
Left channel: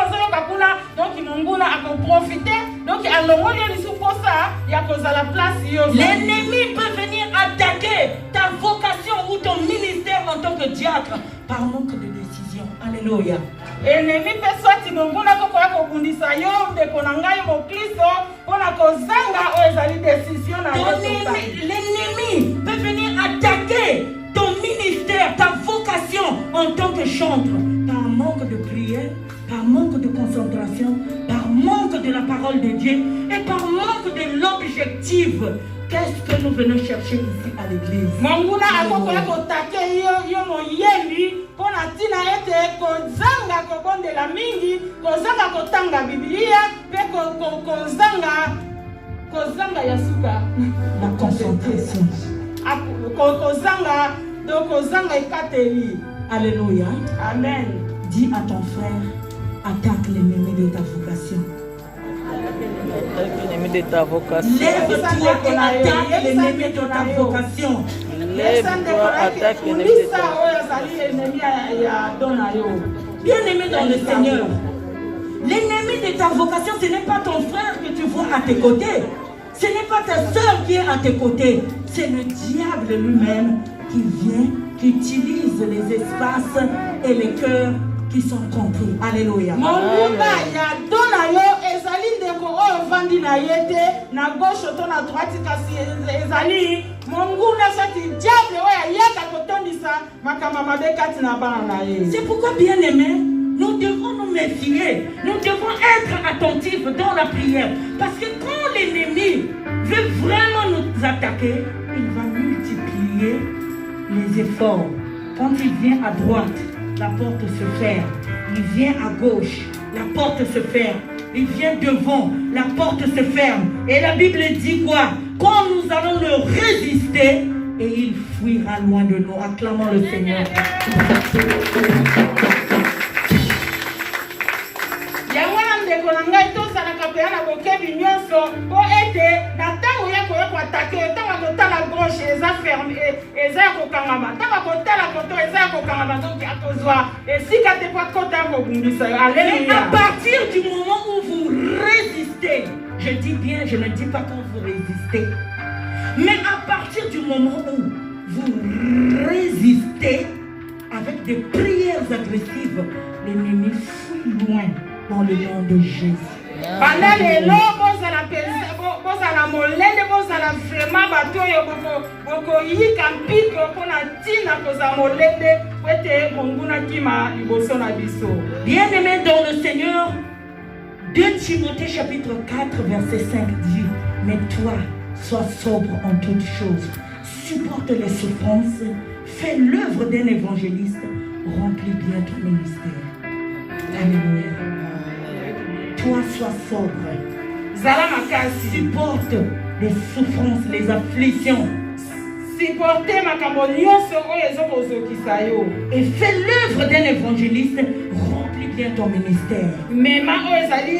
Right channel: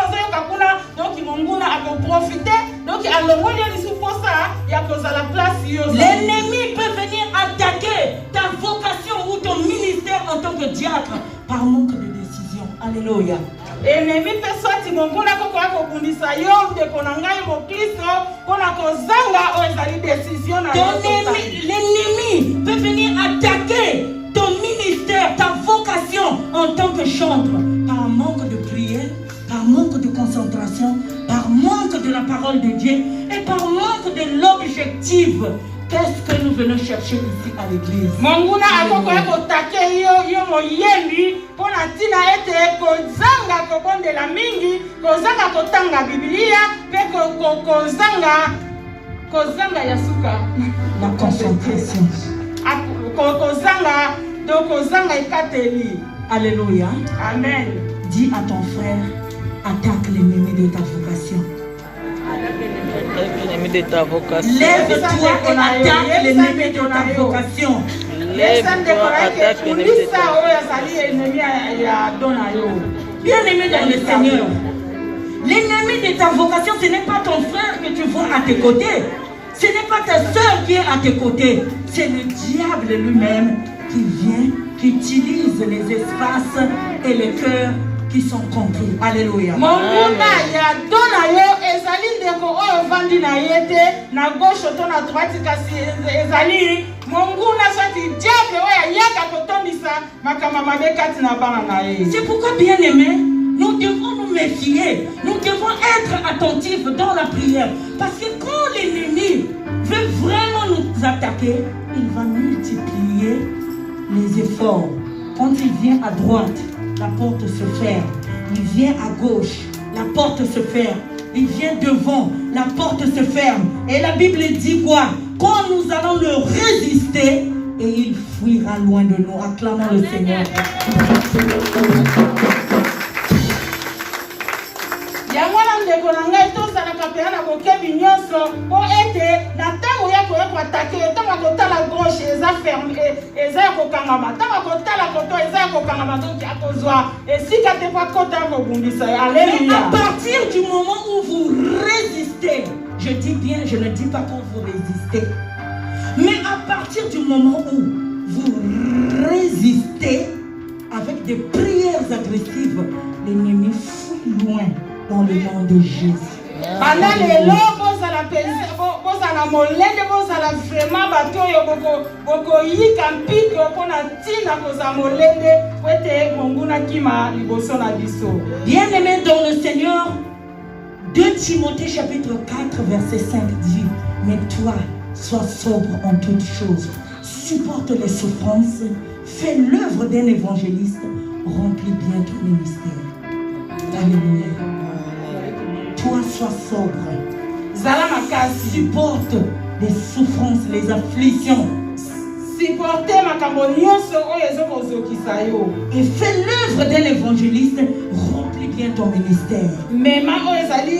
donc monguna ako profiter donc alongoli lisu posa ya kozala place yo. L'ennemi peut venir attaquer ta vocation ou ton ministère en tant que diacre par manque de décision. Alléluia. Ennemi pe swati monguna koko ya kobundisa yo de konangai mo Kristo kona kozanga o ezali décision na yo. L'ennemi peut venir attaquer ton ministère, ta vocation en tant que chantre par manque de prière, par manque de concentration, par manque de la parole de Dieu et par manque de l'objectif. Qu'est-ce que nous venons chercher ici à l'église? Monguna akoko ya kotake yo moyebi pona tina ete kozanga kobondela mingi kozanga kotanga Biblia pe kozanga ya suka La concentration. kozanga ekateli. Alléluia. Amen. Dis à ton frère, attaque l'ennemi de ta vocation. Attaque l'ennemi de ta vocation. Lève-toi et attaque l'ennemi de ta vocation. Lève-toi, attaque l'ennemi de ta vocation. Bien-aimé dans le Seigneur, l'ennemi de ta vocation, ce n'est pas ton frère que tu vois à tes côtés. Ce n'est pas ta soeur qui est à tes côtés. C'est le diable lui-même qui vient, qui utilise les espaces et les cœurs qui sont compris. Alléluia. Monguna ya dona yo ezali ndeko oyo vandi na yete na gauche to na droite kasi ezali monguna soti diable oyo yaka kotondisa makama mabe kati na bana na ye. C'est pourquoi, bien-aimés, nous devons nous méfier. Nous devons être attentifs dans la prière. Parce que quand l'ennemi veut vraiment nous attaquer, il va multiplier les efforts. Quand il vient à droite, la porte se ferme. Il vient à gauche, la porte se ferme. Il vient devant, la porte se ferme. Et la Bible dit quoi? Quand nous allons le résister, et il fuira loin de nous. Acclamons le Seigneur. Yangwana ndeko na ngai tozalaka mpe na bokebi nyonso po ete na ntango ya koya koatake ntango kotala gauche eza ferme eza ya kokangama ntango kotala koto eza ya kokangama donc akozwa esika te mpo akota ya kobundisa yo. Mais Alléluia. à partir du moment où vous résistez, je dis bien, je ne dis pas quand vous résistez, mais à partir du moment où vous résistez avec des prières agressives, l'ennemi fuit loin dans le nom de Jésus. Bana lelo bozala penzi bozala molende bozala vraiment bato oyo bokoyika mpiko mpona ntina kozala molende po ete monguna kima liboso na biso. Bien-aimés dans le Seigneur, 2 Timothée chapitre 4 verset 5 dit: mais toi, sois sobre en toutes choses, supporte les souffrances, fais l'œuvre d'un évangéliste, remplis bien ton ministère. Alléluia. Toi, sois sobre. Zala makasi. Supporte les souffrances, les afflictions. Supporter makambo nyonso oyo ezokozokisa yo. Et fais l'œuvre d'un évangéliste, remplis bien ton ministère. Mema oyo ezali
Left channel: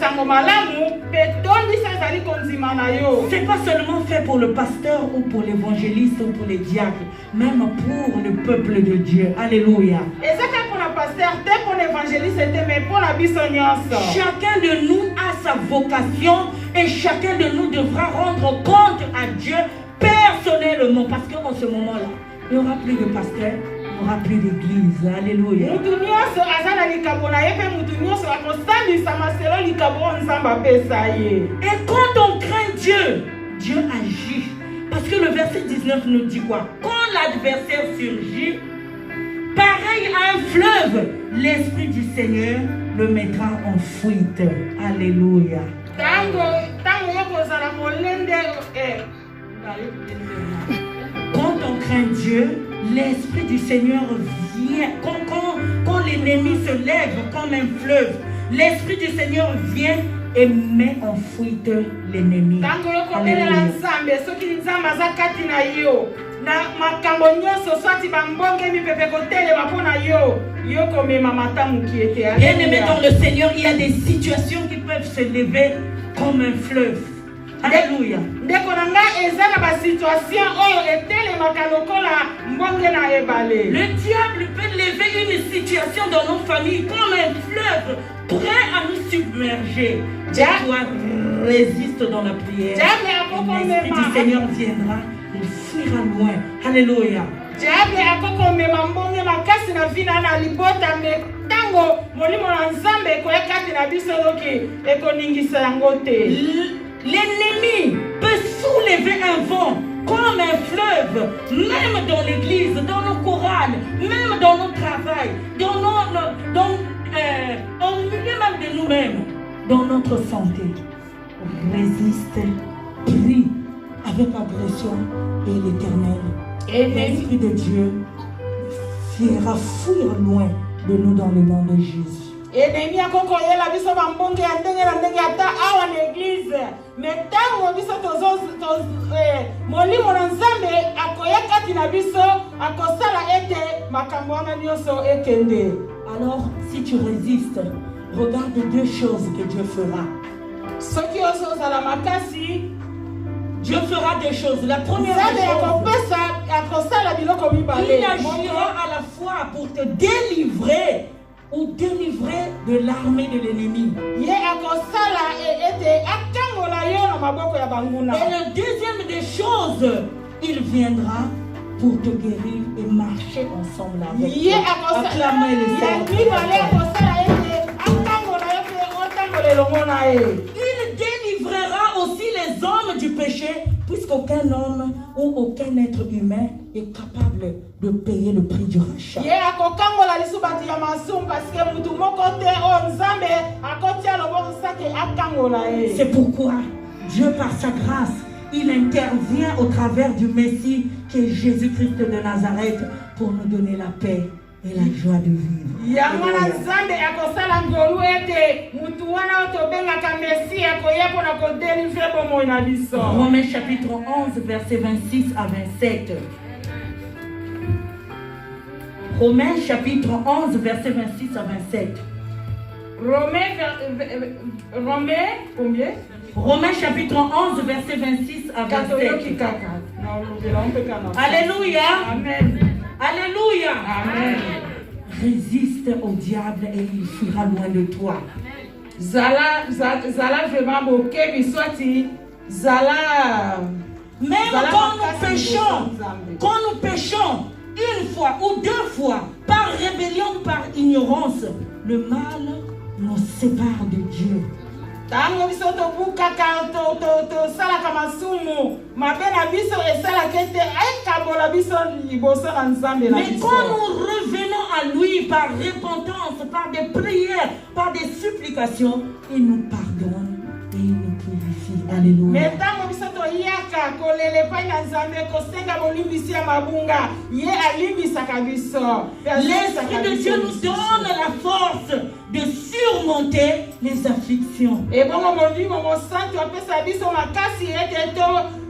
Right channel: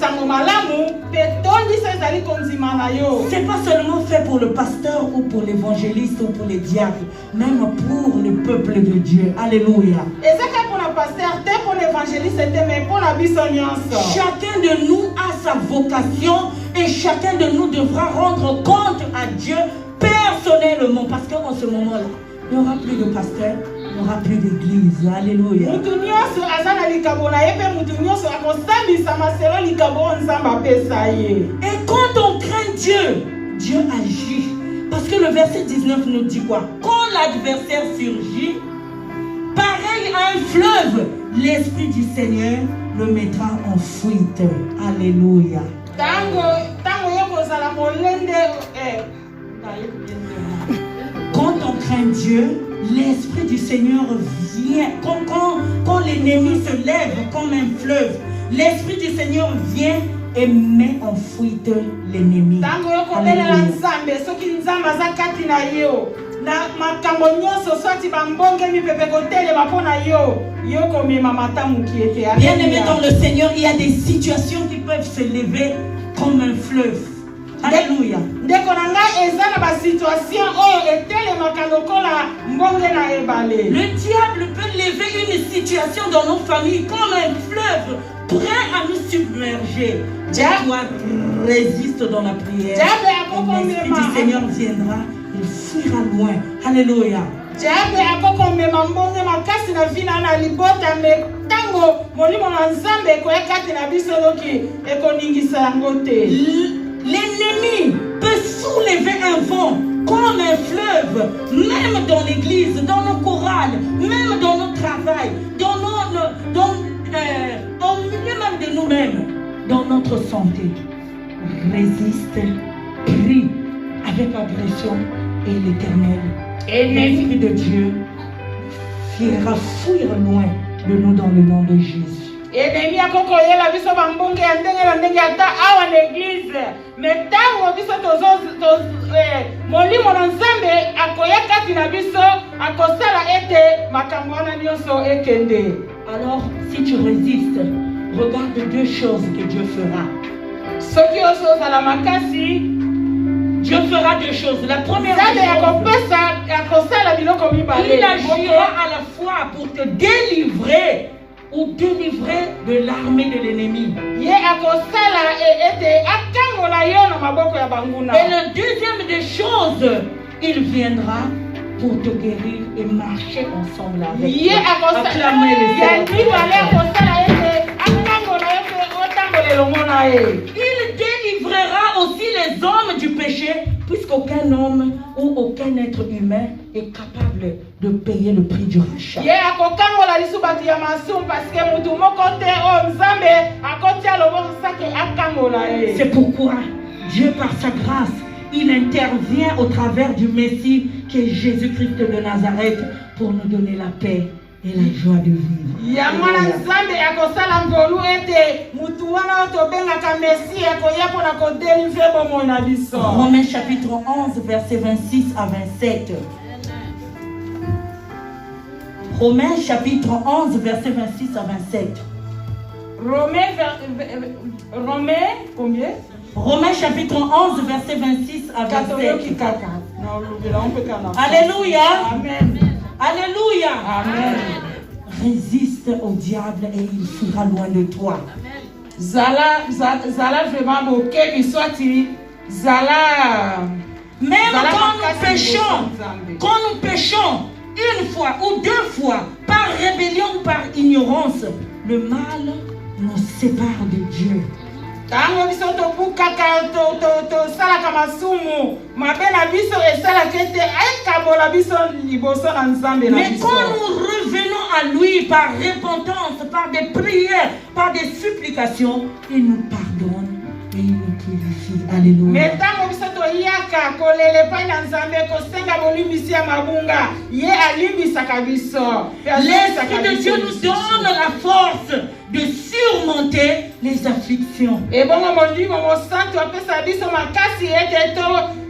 sango malamu pe tondisa ezali kondima na yo. C'est pas seulement fait pour le pasteur ou pour l'évangéliste ou pour les diacres, même pour le peuple de Dieu. Alléluia. Ezaka pour le pasteur, te pour l'évangéliste, te mais pour la biso nyonso. Chacun de nous a sa vocation et chacun de nous devra rendre compte à Dieu personnellement, parce qu'en ce moment-là, il n'y aura plus de pasteur, n'y aura plus d'église. Alléluia. mutu nyonso aza na likambo na ye mpe mutu nyonso akosambisama selo likambo oyo nzambe apesa ye. Et quand on craint Dieu, Dieu agit. Parce que le verset 19 nous dit quoi? Quand l'adversaire surgit, pareil à un fleuve, l'Esprit du Seigneur le mettra en fuite. Alléluia. Tango yokozala molende Quand on craint Dieu, l'Esprit du Seigneur vient. Quand l'ennemi se lève comme un fleuve, l'Esprit du Seigneur vient et met en fuite l'ennemi. tango yokobelela nzambe soki nzambe aza kati na yo na makambo nyonso swati bambonge mipepe kotelema mpo na yo yokomema matamuki ete. Bien aimé dans le Seigneur, il y a des situations qui peuvent se lever comme un fleuve. Alléluia. ndeko na ngai eza na basituation oyo etelemaka lokola mbonge na ebale. Le diable peut lever une situation dans nos familles comme un fleuve prêt à nous submerger. Et toi, résiste dans la prière. Et l'Esprit du Seigneur viendra, il fuira loin. Alléluia. diable akokomema mbonge makasi na vina na libota me tango molimo na nzambe ekoya kati na biso yoki ekoningisa yango te. L'ennemi peut soulever un vent comme un fleuve, même dans l'église, dans nos chorales, même dans notre travail, au milieu même de nous-mêmes, dans notre santé. Résiste, prie avec agression et l'Éternel, l'Esprit de Dieu, fera fuir loin de nous dans le nom de Jésus. Ennemi akokoyela biso bambonge ya ndenge na ndenge ata awa na eglize me tango biso molimo na nzambe akoya kati na biso akosala ete makambo wana nyonso ekende. Alors, si tu résistes, regarde deux choses que Dieu fera. Soki ozozala makasi, Dieu fera deux choses. La première nzambe chose, akosala biloko mibale. il agira à la fois pour te délivrer ou délivrer de l'armée de l'ennemi. Ye akosala ete akangola yo na maboko ya banguna. Et la deuxième des choses, il viendra pour te guérir et marcher ensemble avec Ye toi. Acclamez le ya Seigneur. mibale akosala ete akangola yo pe otambola elongo na ye. Il délivrera aussi les hommes du péché, puisqu'aucun homme ou aucun être humain est capable de payer le prix du rachat. Ye akokangola lisu batu ya masumu parce que mutu moko te o nzambe akotia loboko sake akangola ye. C'est pourquoi Dieu, par sa grâce, il intervient au travers du Messie qui est Jésus-Christ de Nazareth pour nous donner la paix et la joie de vivre. Yango na nzambe akosala ngolu ete mutu wana otobengaka Messie akoya mpona kodelivre bomoi na biso. Romains chapitre 11, versets 26 à 27. Romains chapitre 11, versets 26 à 27. Romains combien? Romains chapitre 11, versets 26 à 27. Alléluia. Amen. Alléluia. Amen. Résiste au diable et il fuira loin de toi. Zala vraiment bokebi swati zala. Même quand nous péchons une fois ou deux fois par rébellion, par ignorance, le mal nous sépare de Dieu. Tango biso tobukaka tosalaka masumu mabe na biso esalaka ete ekabola biso liboso na nzambe na Mais biso. quand nous revenons à lui par repentance, par des prières, par des supplications, il nous pardonne et il nous purifie. Alléluia. Mais tango biso toyaka kolele epai na nzambe kosenga bolimbisi ya mabunga ye alimbisaka biso. L'Esprit de Dieu nous donne la force de surmonter les afflictions. Et bon, molimo mosantu apesa biso makasi ete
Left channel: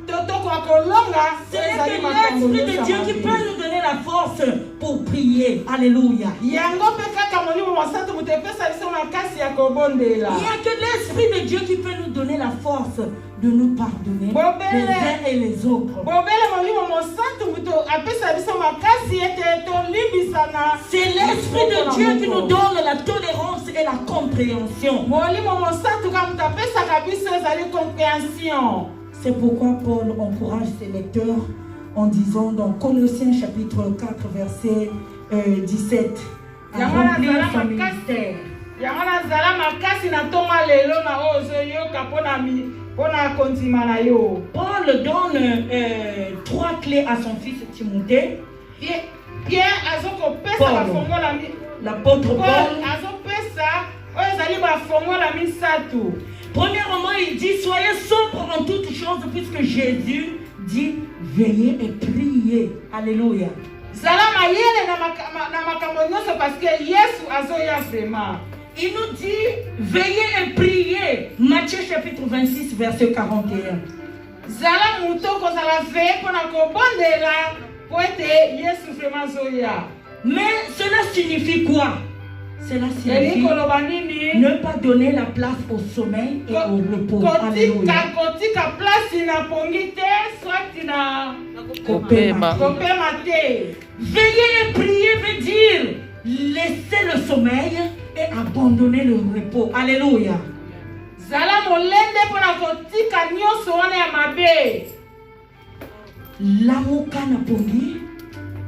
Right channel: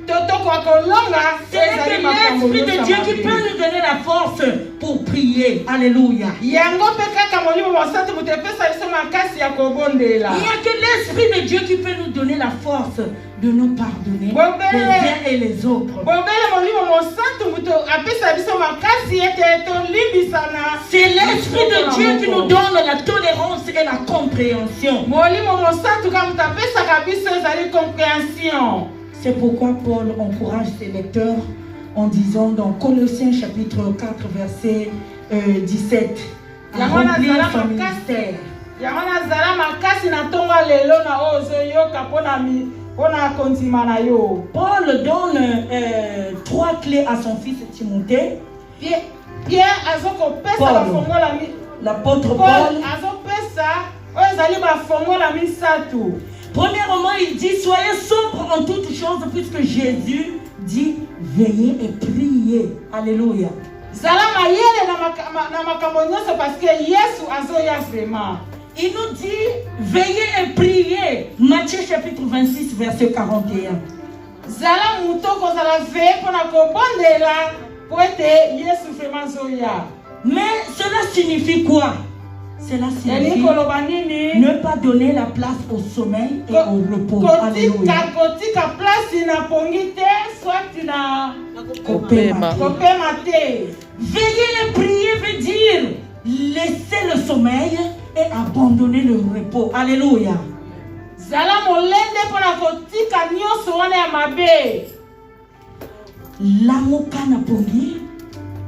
tokoka kolonga. C'est l'Esprit de Dieu qui peut nous donner la force pour prier. Alléluia. Yango pe kaka molimo mosantu mutu epesa biso makasi ya kobondela. Il n'y a que l'Esprit de Dieu qui peut nous donner la force de nous pardonner les uns et les autres. Bobele molimo mosantu mutu apesa biso makasi ete tolimbisana. C'est l'Esprit de Dieu qui nous donne la tolérance et la compréhension. Molimo mosantu ka mutu apesaka biso ezali compréhension. C'est pourquoi Paul encourage ses lecteurs en disant dans Colossiens chapitre 4 verset 17, à remplir son ministère. Paul donne 3 clés à son fils Timothée. L'apôtre Paul. Premièrement, il dit soyez sobres en toutes choses, puisque Jésus dit veillez et priez. Alléluia. Il nous dit veillez et priez. Matthieu chapitre 26 verset 41. Mais cela signifie quoi? Cela signifie ne pas donner la place au sommeil et au repos. Alléluia. Veiller et prier veut dire laisser le sommeil et abandonner le repos. Alléluia. L'amoka na pongi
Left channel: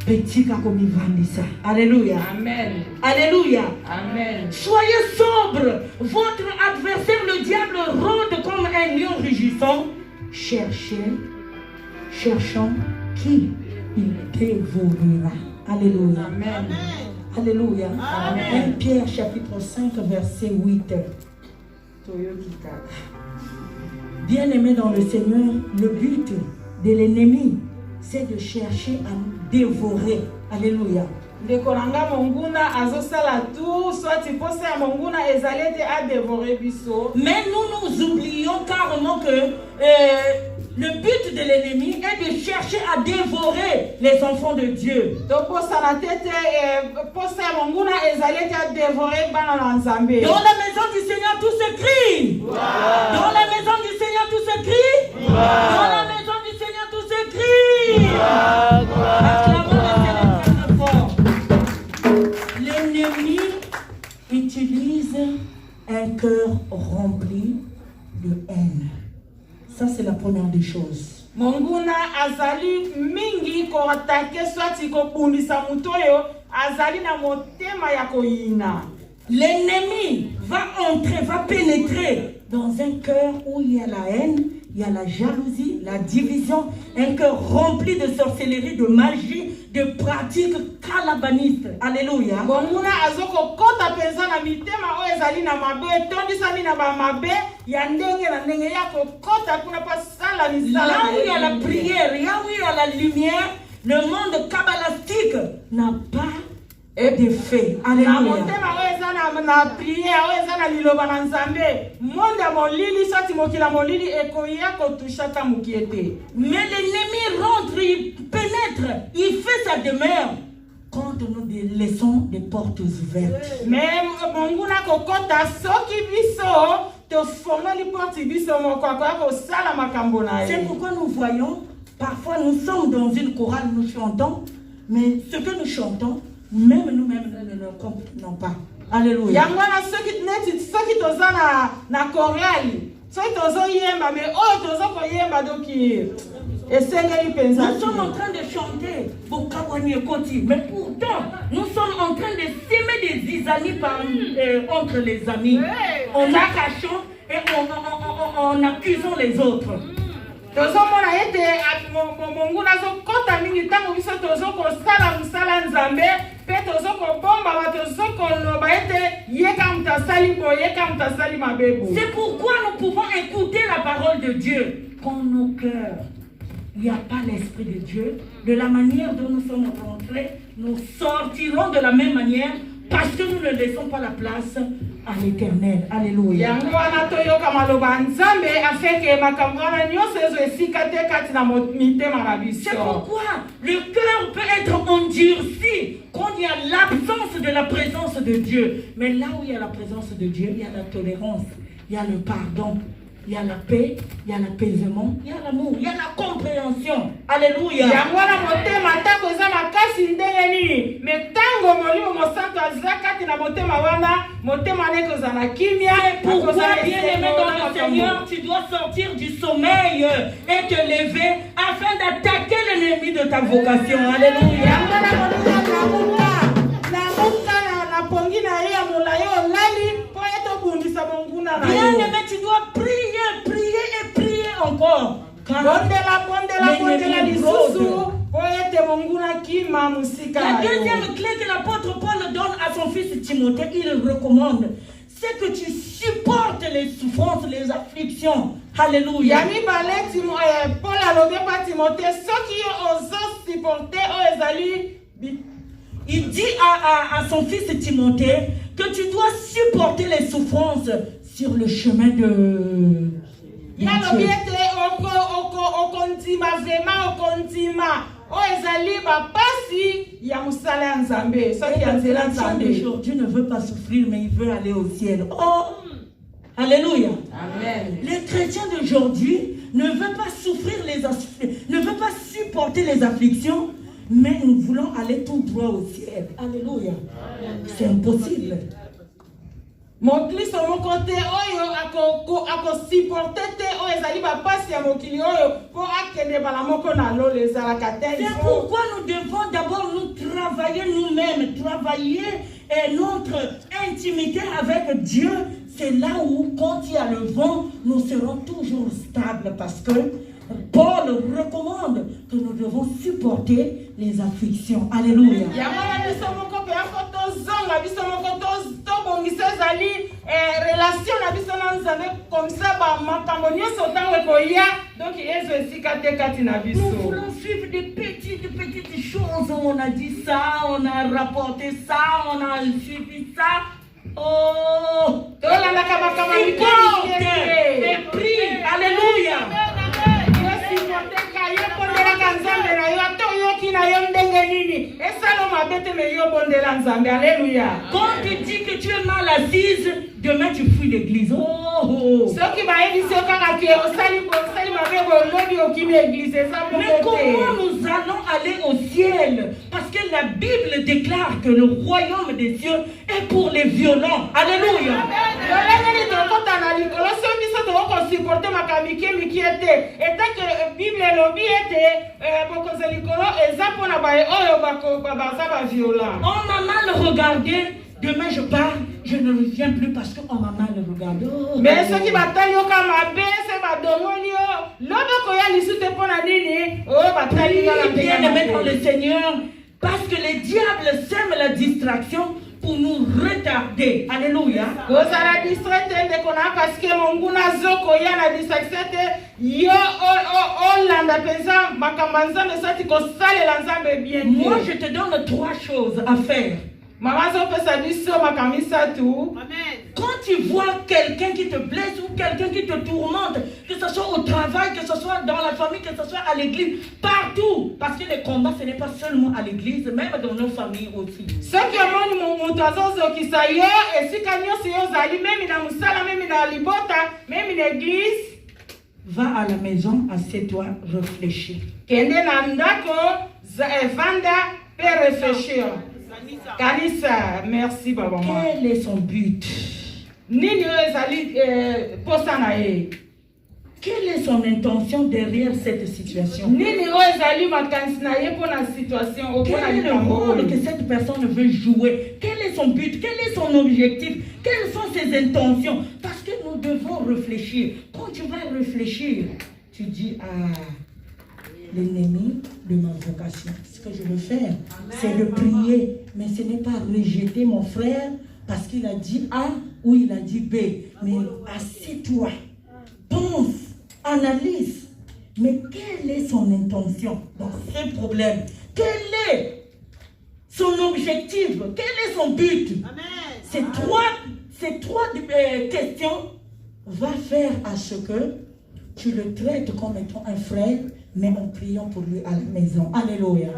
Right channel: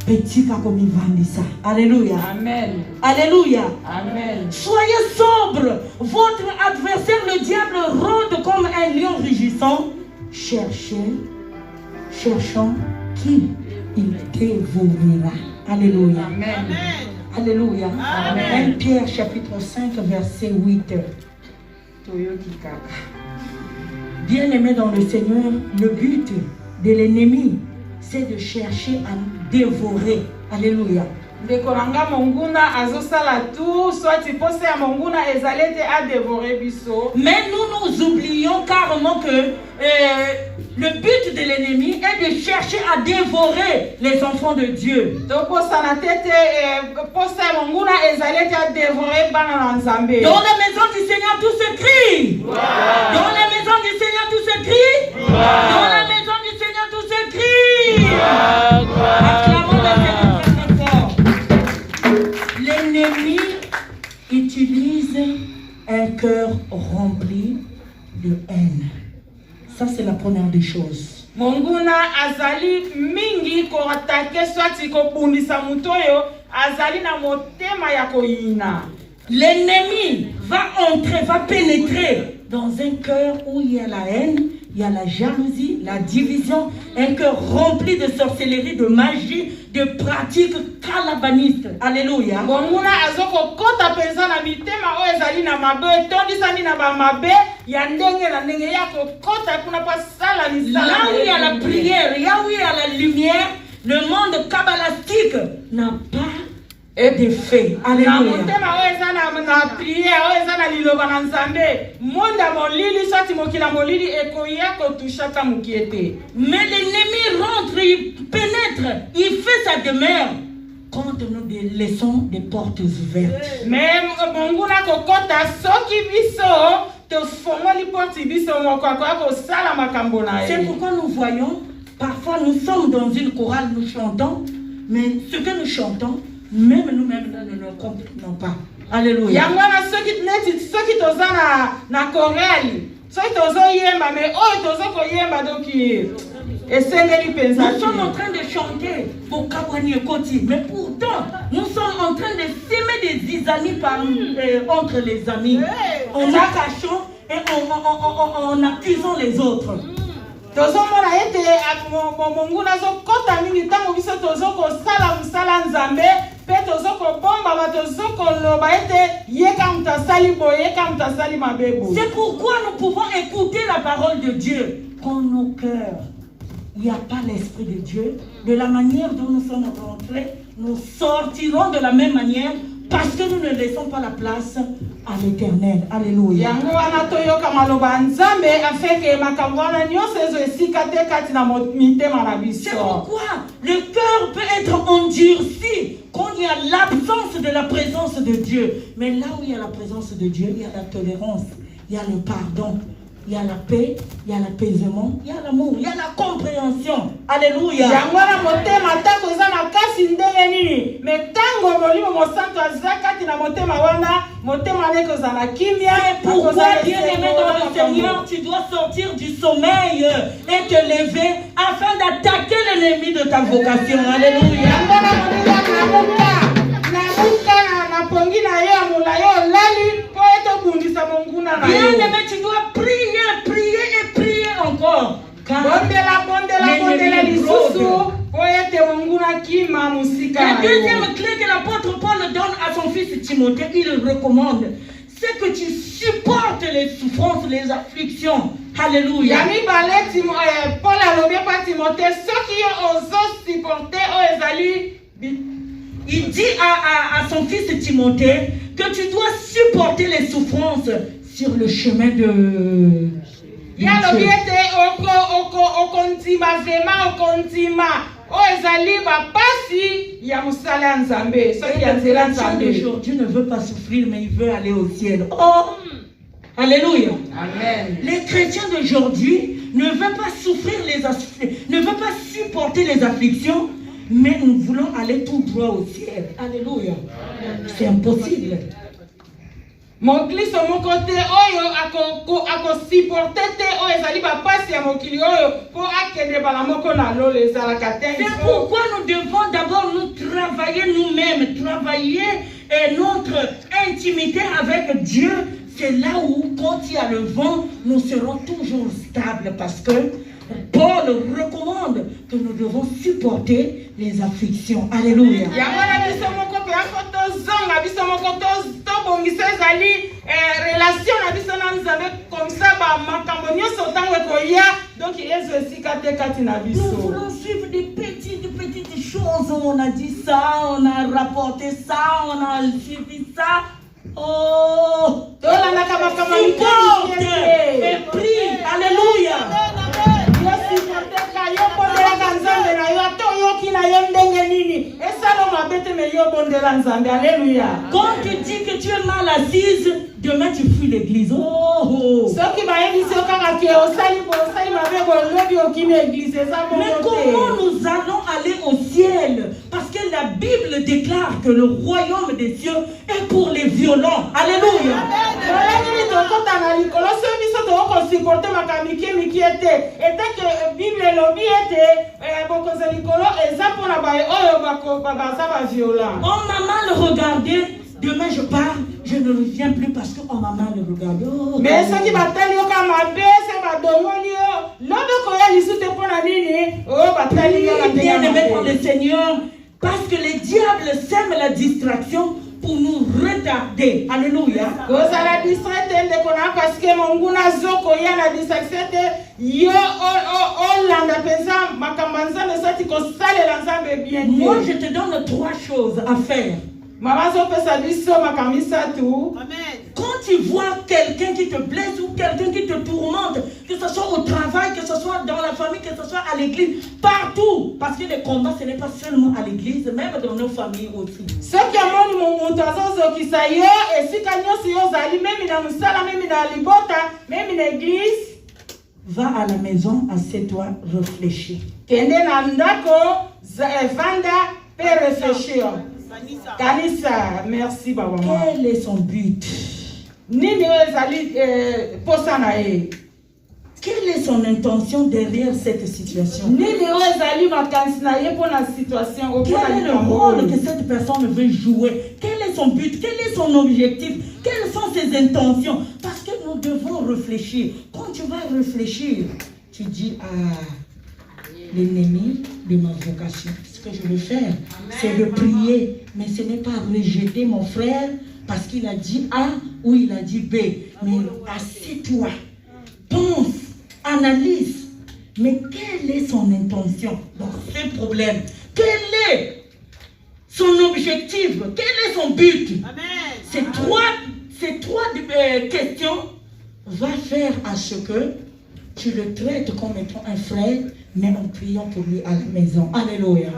petit kakomi vandisa. Alléluia. Amen. Alléluia. Amen. Soyez sobre. Votre adversaire, le diable, rôde comme un lion rugissant. Cherchant qui il dévorera. Alléluia. Amen. Alléluia. Amen. 1 Pierre chapitre 5 verset 8. Bien-aimés dans le Seigneur, le but de l'ennemi, c'est de chercher à dévorer. Alléluia. Mais nous oublions carrément que le but de l'ennemi est de chercher à dévorer les enfants de Dieu. Dans la maison du Seigneur, tout se crie. Wow. Dans la maison du Seigneur, tout se crie. Wow. Dans la maison du Seigneur, tout se crie. Wow. L'ennemi utilise un cœur rempli de haine. Ça, c'est la première des choses. Monguna azali mingi ko atake swati ko punisa mutoyo azali na motema ya koina. L'ennemi va entrer, va pénétrer dans un cœur où il y a la haine, il y a la jalousie, la division, un cœur rempli de sorcellerie, de magie, de pratiques calabanistes. Alléluia. Monguna azoko kota pesa na mitema o ezali na mabe tondisani na ba mabe ya ndenge na ndenge yako kota kuna pa sala ni sala. Là où il y a la prière, là où il y a la lumière, le monde kabbalistique n'a pas d'effet. Alléluia. Mais l'ennemi rentre, il pénètre, il fait sa demeure quand nous laissons des portes ouvertes. C'est pourquoi nous voyons, parfois nous sommes dans une chorale, nous chantons, mais ce que nous chantons, même nous-mêmes nous ne comprenons pas. Alléluia. Nous sommes en train de chanter mais pourtant nous sommes en train de s'aimer des zizanies entre les amis, en cachant et en accusant les autres. C'est pourquoi nous pouvons écouter la parole de Dieu quand nos cœurs, il n'y a pas l'esprit de Dieu. De la manière dont nous sommes rentrés, nous sortirons de la même manière parce que nous ne laissons pas la place à l'éternel. Alléluia. C'est pourquoi le cœur peut être endurci quand il y a l'absence de la présence de Dieu. Mais là où il y a la présence de Dieu, il y a la tolérance, il y a le pardon, il y a la paix, il y a l'apaisement, il y a l'amour, il y a la compréhension. Alléluia. C'est pourquoi, bien-aimé dans le Seigneur, tu dois sortir du sommeil et te lever afin d'attaquer l'ennemi de ta vocation. Alléluia. Bien-aimé, tu dois prier, prier et prier encore. Car la deuxième clé que l'apôtre Paul donne à son fils Timothée, il le recommande, c'est que tu supportes les souffrances, les afflictions. Alléluia. Paul a lobé par Timothée, ceux qui ont supporté, il dit à son fils Timothée que tu dois supporter les souffrances sur le chemin de Dieu. Aujourd'hui ne veut pas souffrir, mais il veut aller au ciel. Oh, alléluia. Amen. Les chrétiens d'aujourd'hui ne veulent pas souffrir ne veulent pas supporter les afflictions, mais nous voulons aller tout droit au ciel. Alléluia. C'est impossible. Mon Christ mon côté oyo ako supporter te o ezali ba pasi ya mokili oyo pour akende bala moko na lo les alakatens. C'est pourquoi nous devons d'abord nous travailler nous-mêmes, travailler notre intimité avec Dieu. C'est là où, quand il y a le vent, nous serons toujours stables parce que Paul recommande que nous devons supporter les afflictions. Alléluia. Nous voulons suivre des petites choses. On a dit ça, on a rapporté ça, on a suivi ça. Oh, supporte et prie. Alléluia. Quand tu dis que tu es mal assise, demain tu fuis l'église. Oh. Mais comment nous allons aller au ciel? Parce que la Bible déclare que le royaume des cieux est pour les violents. Alléluia. On m'a mal regardé. Demain je pars, je ne reviens plus parce qu'on m'a mal regardé. Oh, mais ce qui bien aimé pour le Seigneur, parce que les diables sèment la distraction pour nous retarder. Alléluia. Moi je te donne 3 choses à faire. Quand tu vois quelqu'un qui te blesse ou quelqu'un qui te tourmente, que ce soit au travail, que ce soit dans la famille, que ce soit à l'église, partout, parce que le combat ce n'est pas seulement à l'église, même dans nos familles aussi. Va à la maison, assieds-toi, réfléchis. Kanisa, merci Baba. Quel est son but? Quelle est son intention derrière cette situation? Quel est le rôle que cette personne veut jouer? Quel est son but? Quel est son objectif? Quelles sont ses intentions? Parce que nous devons réfléchir. Quand tu vas réfléchir, tu dis l'ennemi de ma vocation. Ce que je veux faire, c'est de prier. Mais ce n'est pas rejeter mon frère parce qu'il a dit A ou il a dit B. Mais assieds-toi, pense, analyse. Mais quelle est son intention dans ce problème? Quel est son objectif? Quel est son but? Ces trois questions vont faire à ce que tu le traites comme étant un frère, mais en priant pour lui à la maison. Alléluia.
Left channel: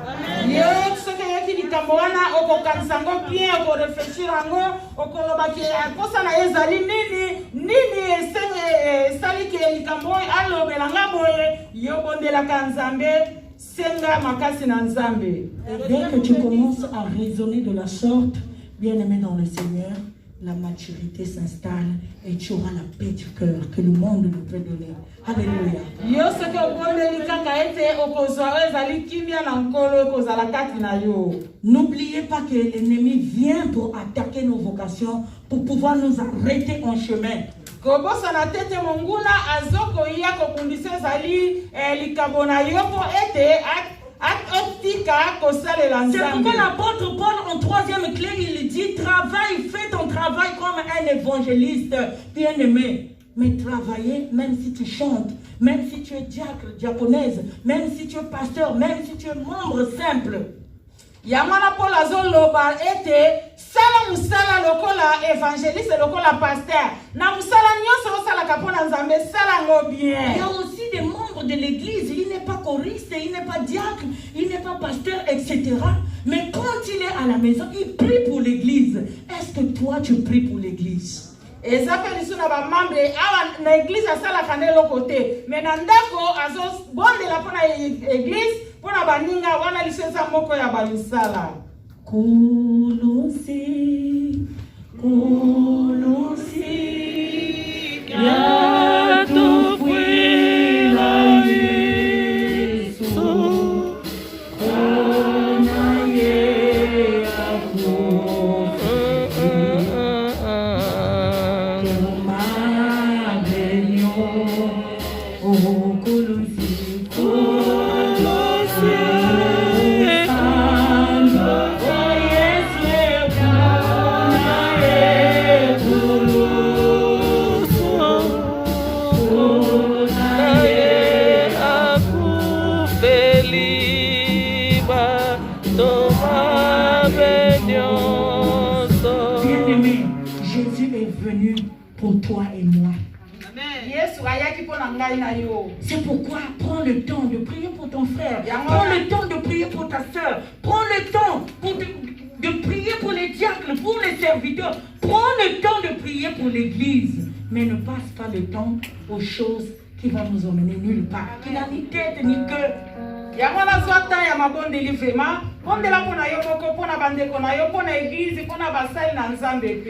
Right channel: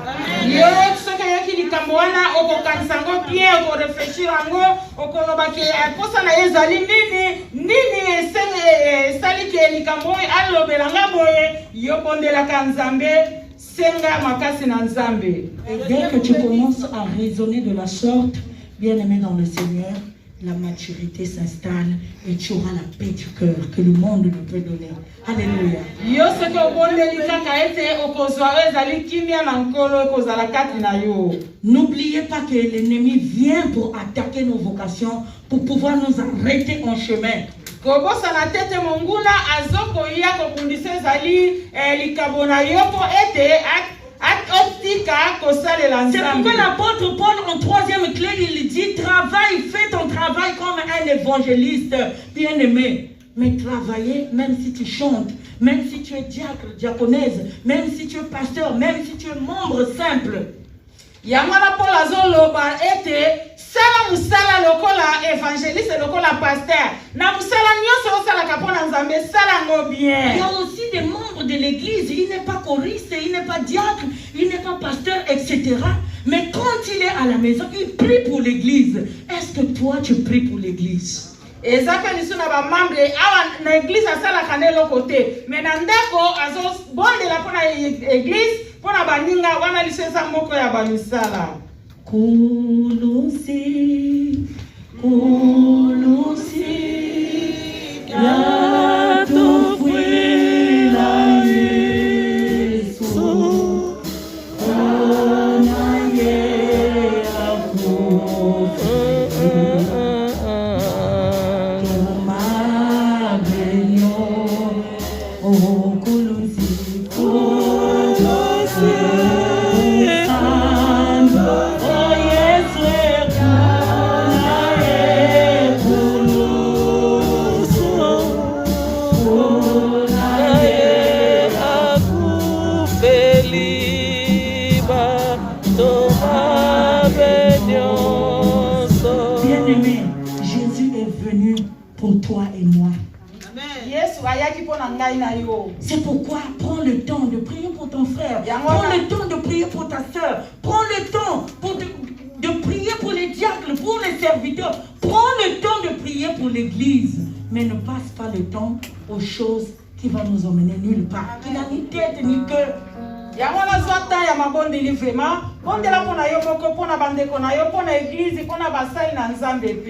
Et dès que tu commences à raisonner de la sorte, bien-aimé dans le Seigneur, la maturité s'installe et tu auras la paix du cœur que le monde ne peut donner. Alléluia. Yo soki obondeli kaka ete okozwa ezali kimia na nkolo ekozala kati na yo. N'oubliez pas que l'ennemi vient pour attaquer nos vocations, pour pouvoir nous arrêter en chemin. Kobosana tete monguna azokoya kobundisa ezali likabo na yo po ete c'est pourquoi l'apôtre Paul en 3e clé, il dit travaille, fais ton travail comme un évangéliste bien-aimé. Mais travailler, même si tu chantes, même si tu es diacre, diaconesse, même si tu es pasteur, même si tu es membre simple. Yamana Paul azoloba ete sala musala lokola évangéliste lokola pasteur na musala nyonso osala kapona nzambe sala ngo bien. Il y a aussi des membres de l'église, il n'est pas choriste, il n'est pas diacre, il n'est pas pasteur, etc. Mais quand il est à la maison, il prie pour l'église. Est-ce que toi tu pries pour l'église? Ezapeli suna ba membre awa na église asala kanelo côté mais na ndako azo bondela pona église pona baninga wana lisesa moko ya bamisala. Kolosi ya tukwila Yesu C'est pourquoi prends le temps de prier pour ton frère, prends le temps de prier pour ta soeur, prends le temps de prier pour les diacres, pour les serviteurs, prends le temps de prier pour l'église, mais ne passe pas le temps aux choses qui vont nous emmener nulle part, qui n'a ni tête ni cœur.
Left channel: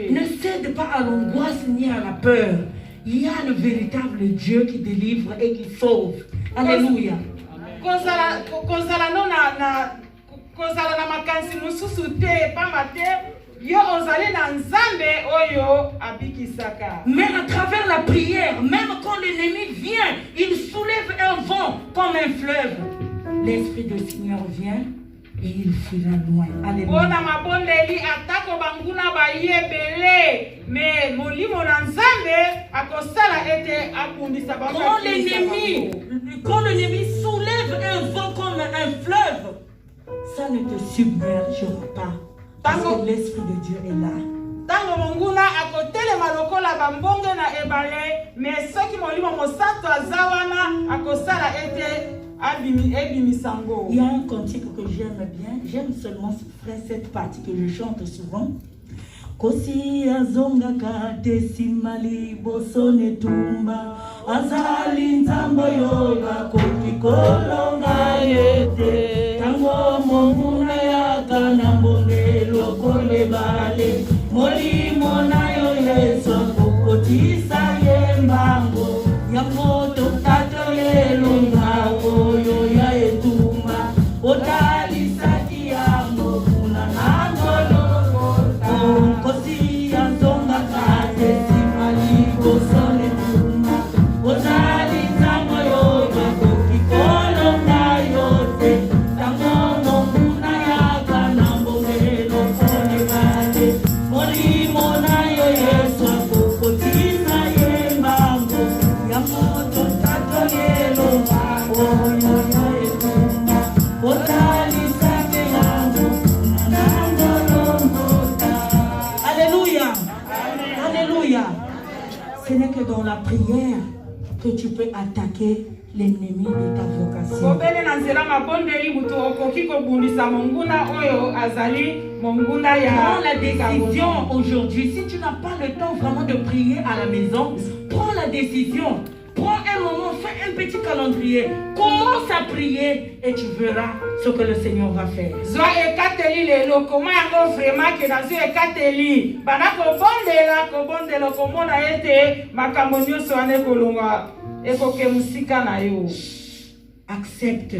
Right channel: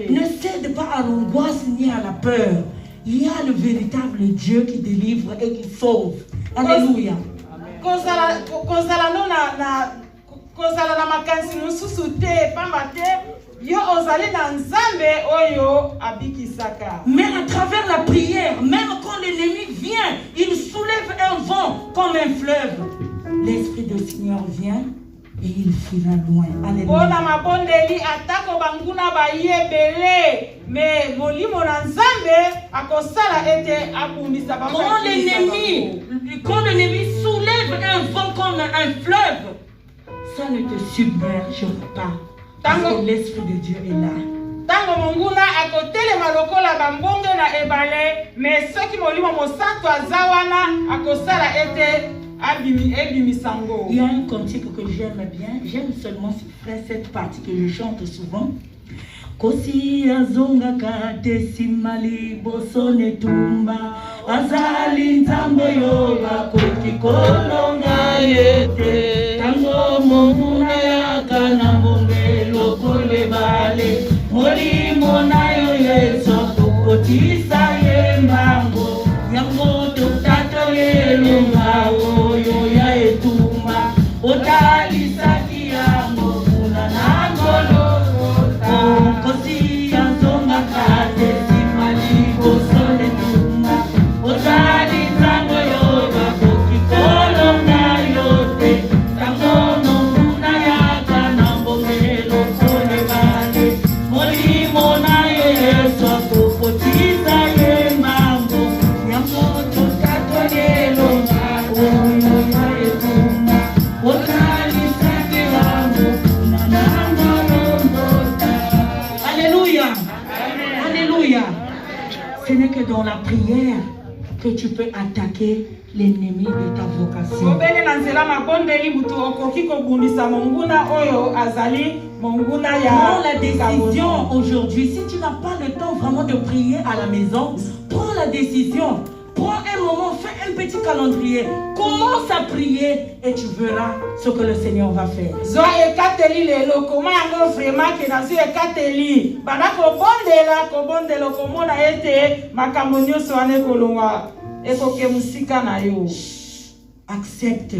Ne cède pas à l'angoisse ni à la peur. Il y a le véritable Dieu qui délivre et qui sauve. Alléluia. Mais à travers la prière, même quand l'ennemi vient, il soulève un vent comme un fleuve. L'Esprit du Seigneur vient et il fuira loin. Alléluia. Quand l'ennemi soulève un vent comme un fleuve, ça ne te submergera pas. Parce que l'Esprit de Dieu est là. Il y a un cantique que j'aime bien. J'aime seulement cette partie que je chante souvent. Kosi azonga kate simali bosone tumba azali ntambo yoga koki kolonga yete tango momuna yaka na mbongelo kolebale molimo na yo yeso kokotisa yembango yango totato yelonga oyo ya etuma otalisaki yango kuna nangolo kosi azonga kate simali bosone tumba otali tango yoga koki kolonga yote tango momuna yaka na mbongelo kolebale molimo na yo yeso kokotisa yembango yango totato yelonga oyo ya etuma otalisaki yango kuna nangolo. Alléluia. Alléluia. Ce n'est que dans la prière que tu peux attaquer l'ennemi de ta vocation. Prends la décision aujourd'hui. Si tu n'as pas le temps vraiment de prier à la maison, prends la décision. Prends un moment, fais un petit calendrier. Commence à prier et tu verras ce que le Seigneur va faire. Zo ekateli lelo koma yango vraiment ke nazo ekateli bana kobondela komona ete makambo nyonso wana ekolongwa ekoke musika na yo. Accepte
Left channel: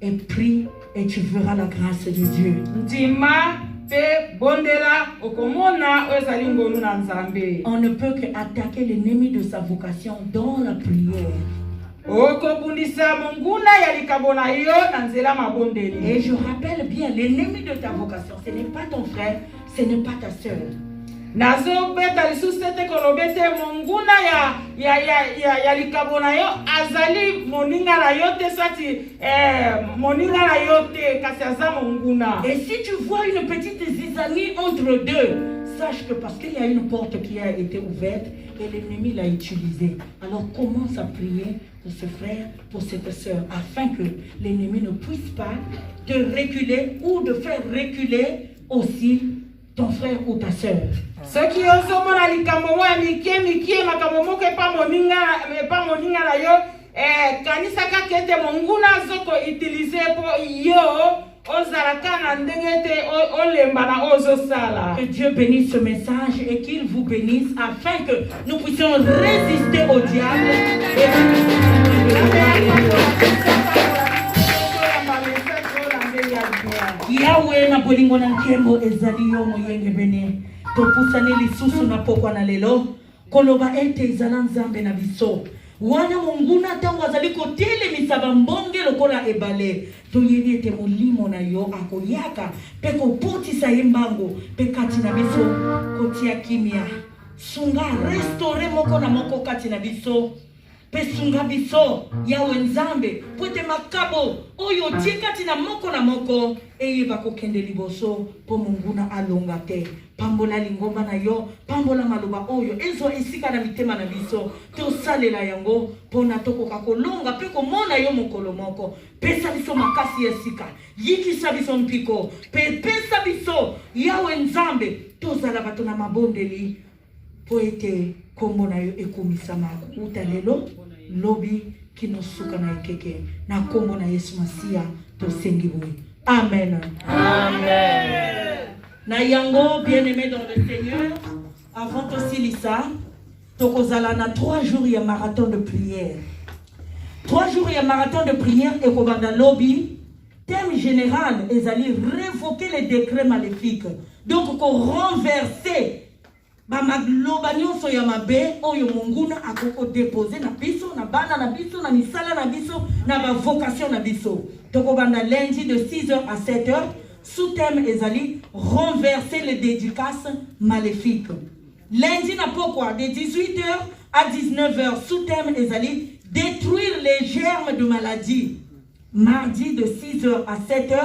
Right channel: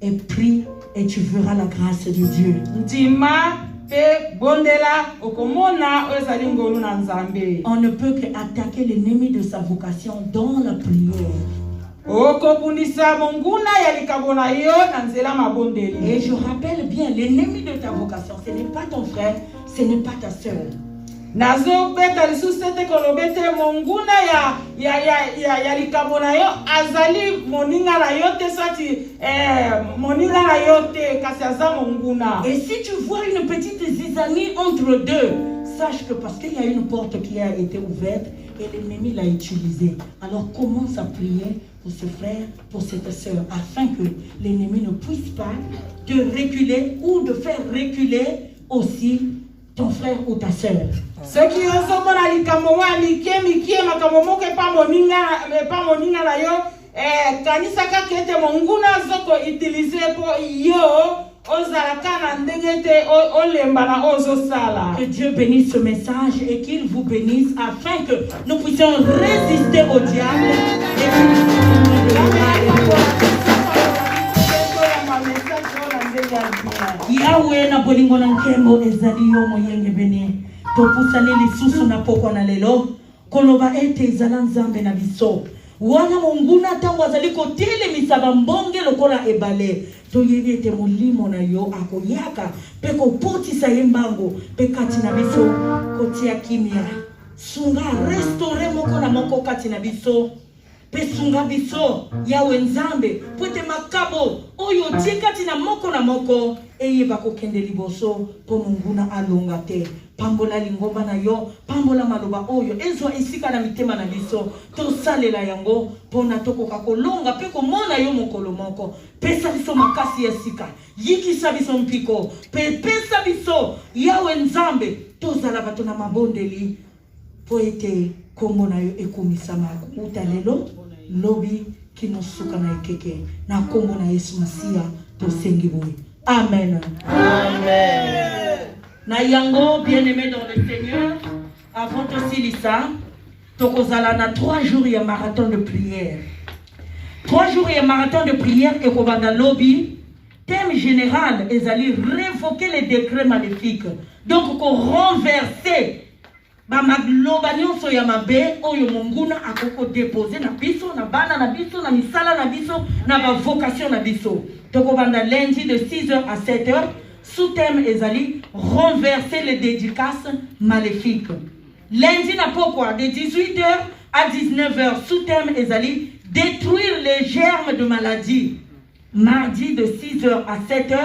et prie et tu verras la grâce de Dieu. Ndima pe bondela okomona ezali ngolu na Nzambe. On ne peut qu'attaquer l'ennemi de sa vocation dans la prière. Okobundisa monguna ya likabo na yo na nzela mabondeli. Et je rappelle bien, l'ennemi de ta vocation, ce n'est pas ton frère, ce n'est pas ta sœur. Nazo beta lisusu te kolobete monguna ya likabo na yo azali moninga na yo te sati moninga na yo te kasi aza monguna. Et si tu vois une petite zizanie entre deux, sache que parce qu'il y a une porte qui a été ouverte et l'ennemi l'a utilisée. Alors commence à prier pour ce frère, pour cette sœur, afin que l'ennemi ne puisse pas te reculer ou de faire reculer aussi ton frère ou ta sœur. Ce qui est au mona likambo wa mike makambo moko pa moninga na yo kanisa ka kete monguna zoko utiliser po yo ozalaka na ndenge te olemba na ozo sala. Que Dieu bénisse ce message et qu'il vous bénisse afin que nous puissions résister au diable Yahweh na bolingo na nkembo ezali yo moyenge bene topusani lisusu na pokwa na lelo koloba ete ezala Nzambe na biso wana monguna tango azali kotelemisa bambonge lokola ebale toyebi ete molimo na yo akoyaka mpe kopotisa ye mbango mpe kati na biso kotia kimia sunga restore moko na moko kati na biso mpe sunga biso Yawe Nzambe po ete makabo oyo otie kati na moko eyeba kokende liboso po monguna alonga te. Pambola lingomba na yo, pambola maloba oyo ezwa esika na mitema na biso tosalela yango pona tokoka kolonga pe komona yo mokolo moko. Pesa biso makasi ya sika, yikisa biso mpiko, pesa biso Yawe Nzambe tozala bato na mabondeli po ete kombo na yo ekomisama utalelo lobi kinosuka na ekeke na kombo na Yesu Masia tosengi boye. Amen. Amen. Nayango, bien-aimé dans le Seigneur, avant aussi Lisa, tokozala na 3 jours ya marathon de prière. 3 jours ya marathon de prière et kobanda lobby. Thème général, ezali révoquer les décrets maléfiques. Donc ko renverser ba magloba nyonso ya mabe oyo monguna akoko déposer na biso na bana na biso na misala na biso na ba vocation na biso. Tokobanda lundi de 6h à 7h. Sous-thème ezali renverser les dédicaces maléfiques. Lundi na pokwa de 18h à 19h. Sous-thème ezali détruire les germes de maladie. Mardi de 6h à 7h.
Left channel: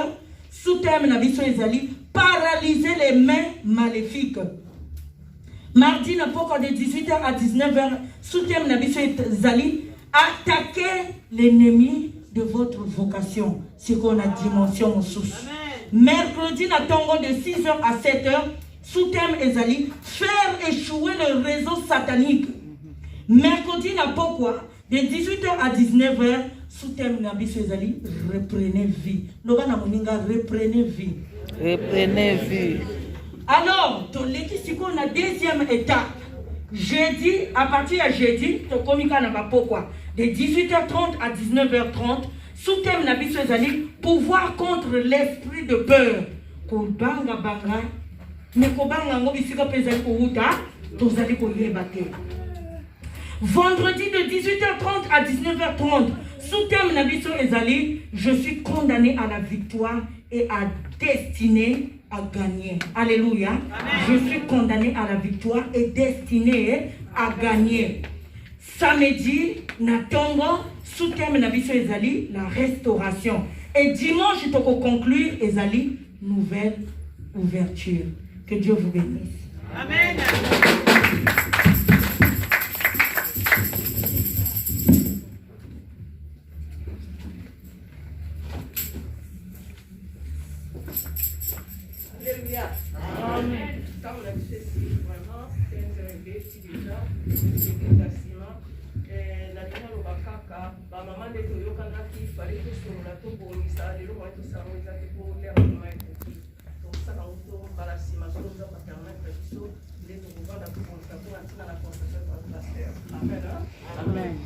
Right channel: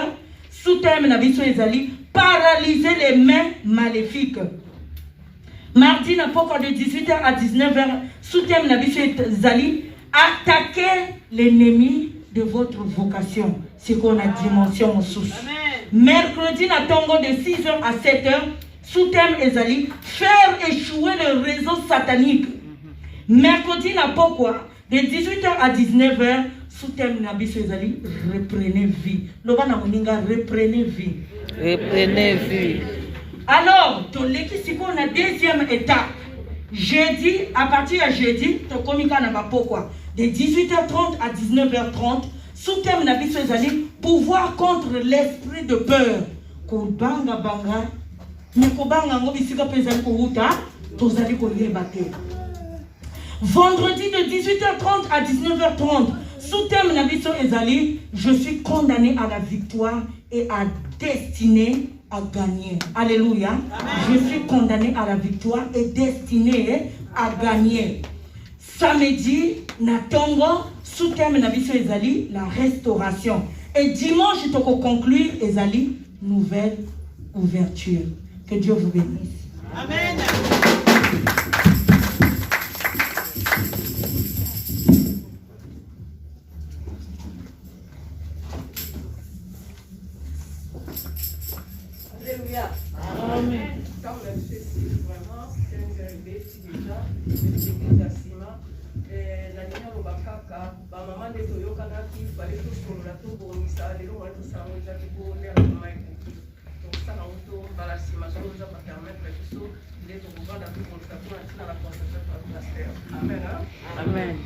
Sous-thème na biso ezali paralyser les mains maléfiques. Mardi na pokwa de 18h à 19h. Sous-thème na biso ezali attaquer l'ennemi de votre vocation. C'est qu'on a dimension sous. Mercredi na tongo de 6h à 7h, sous-thème ezali faire échouer le réseau satanique. Mercredi na pokwa de 18h à 19h, sous-thème na biso ezali reprenez vie. Loba na moninga reprenez vie. Reprenez vie. Alors, toleki siko na deuxième étape. Jeudi, à partir de jeudi, to komika na ba pokwa de 18h30 à 19h30. Sous-thème na biso ezali pouvoir contre l'esprit de peur. Ko banga banga ne ko banga ngo bisika pezali ko huta tozali ko yeba te. Vendredi de 18h30 à 19h30. Sous-thème na biso ezali je suis condamné à la victoire et à destiné à gagner. Alléluia. Amen. Je suis condamné à la victoire et destiné à gagner. Samedi na tongo sous-thème na biso ezali la restauration. Et dimanche toko conclure ezali nouvelle ouverture. Que Dieu vous bénisse. Amen. Alléluia. Amen. Comme le Cécile, vraiment, c'est un bébé, déjà, c'est quasiment. La dernière, on va Amen.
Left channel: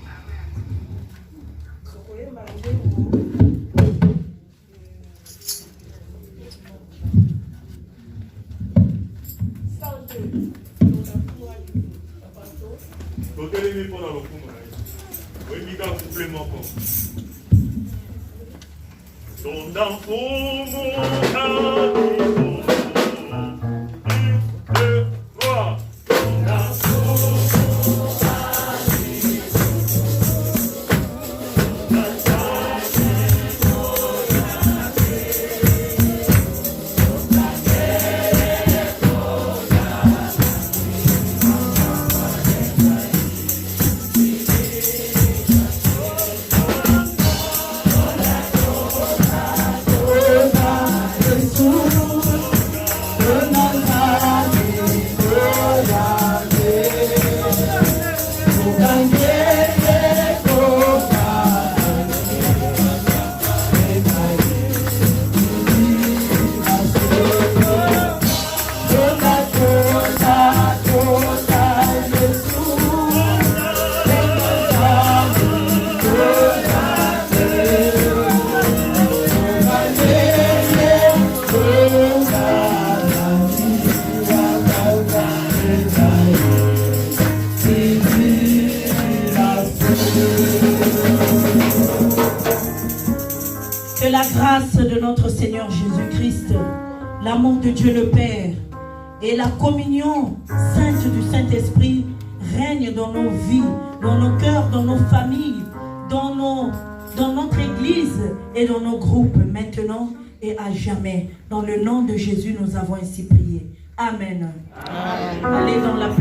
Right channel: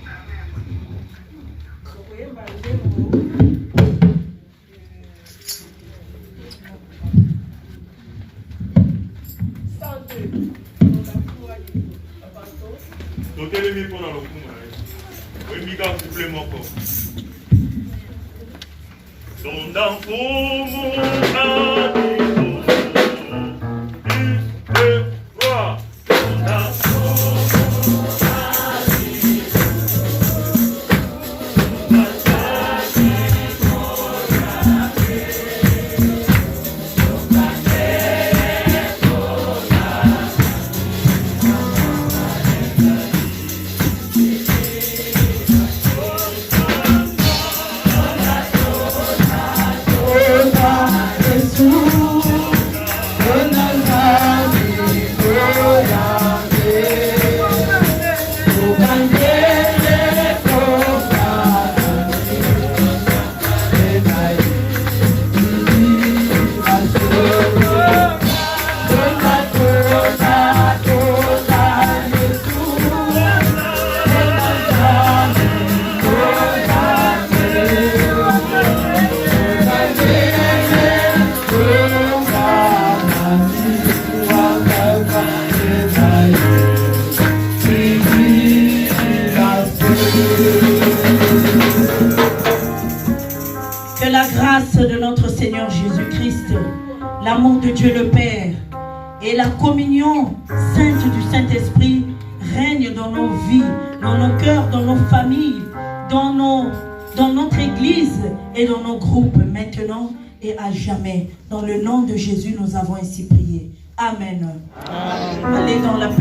Que la grâce de notre Seigneur Jésus-Christ, l'amour de Dieu le Père et la communion sainte du Saint-Esprit règnent dans nos vies, dans nos cœurs, dans nos familles, dans notre église et dans nos groupes maintenant et à jamais. Dans le nom de Jésus, nous avons ainsi prié. Amen. Allez dans la paix.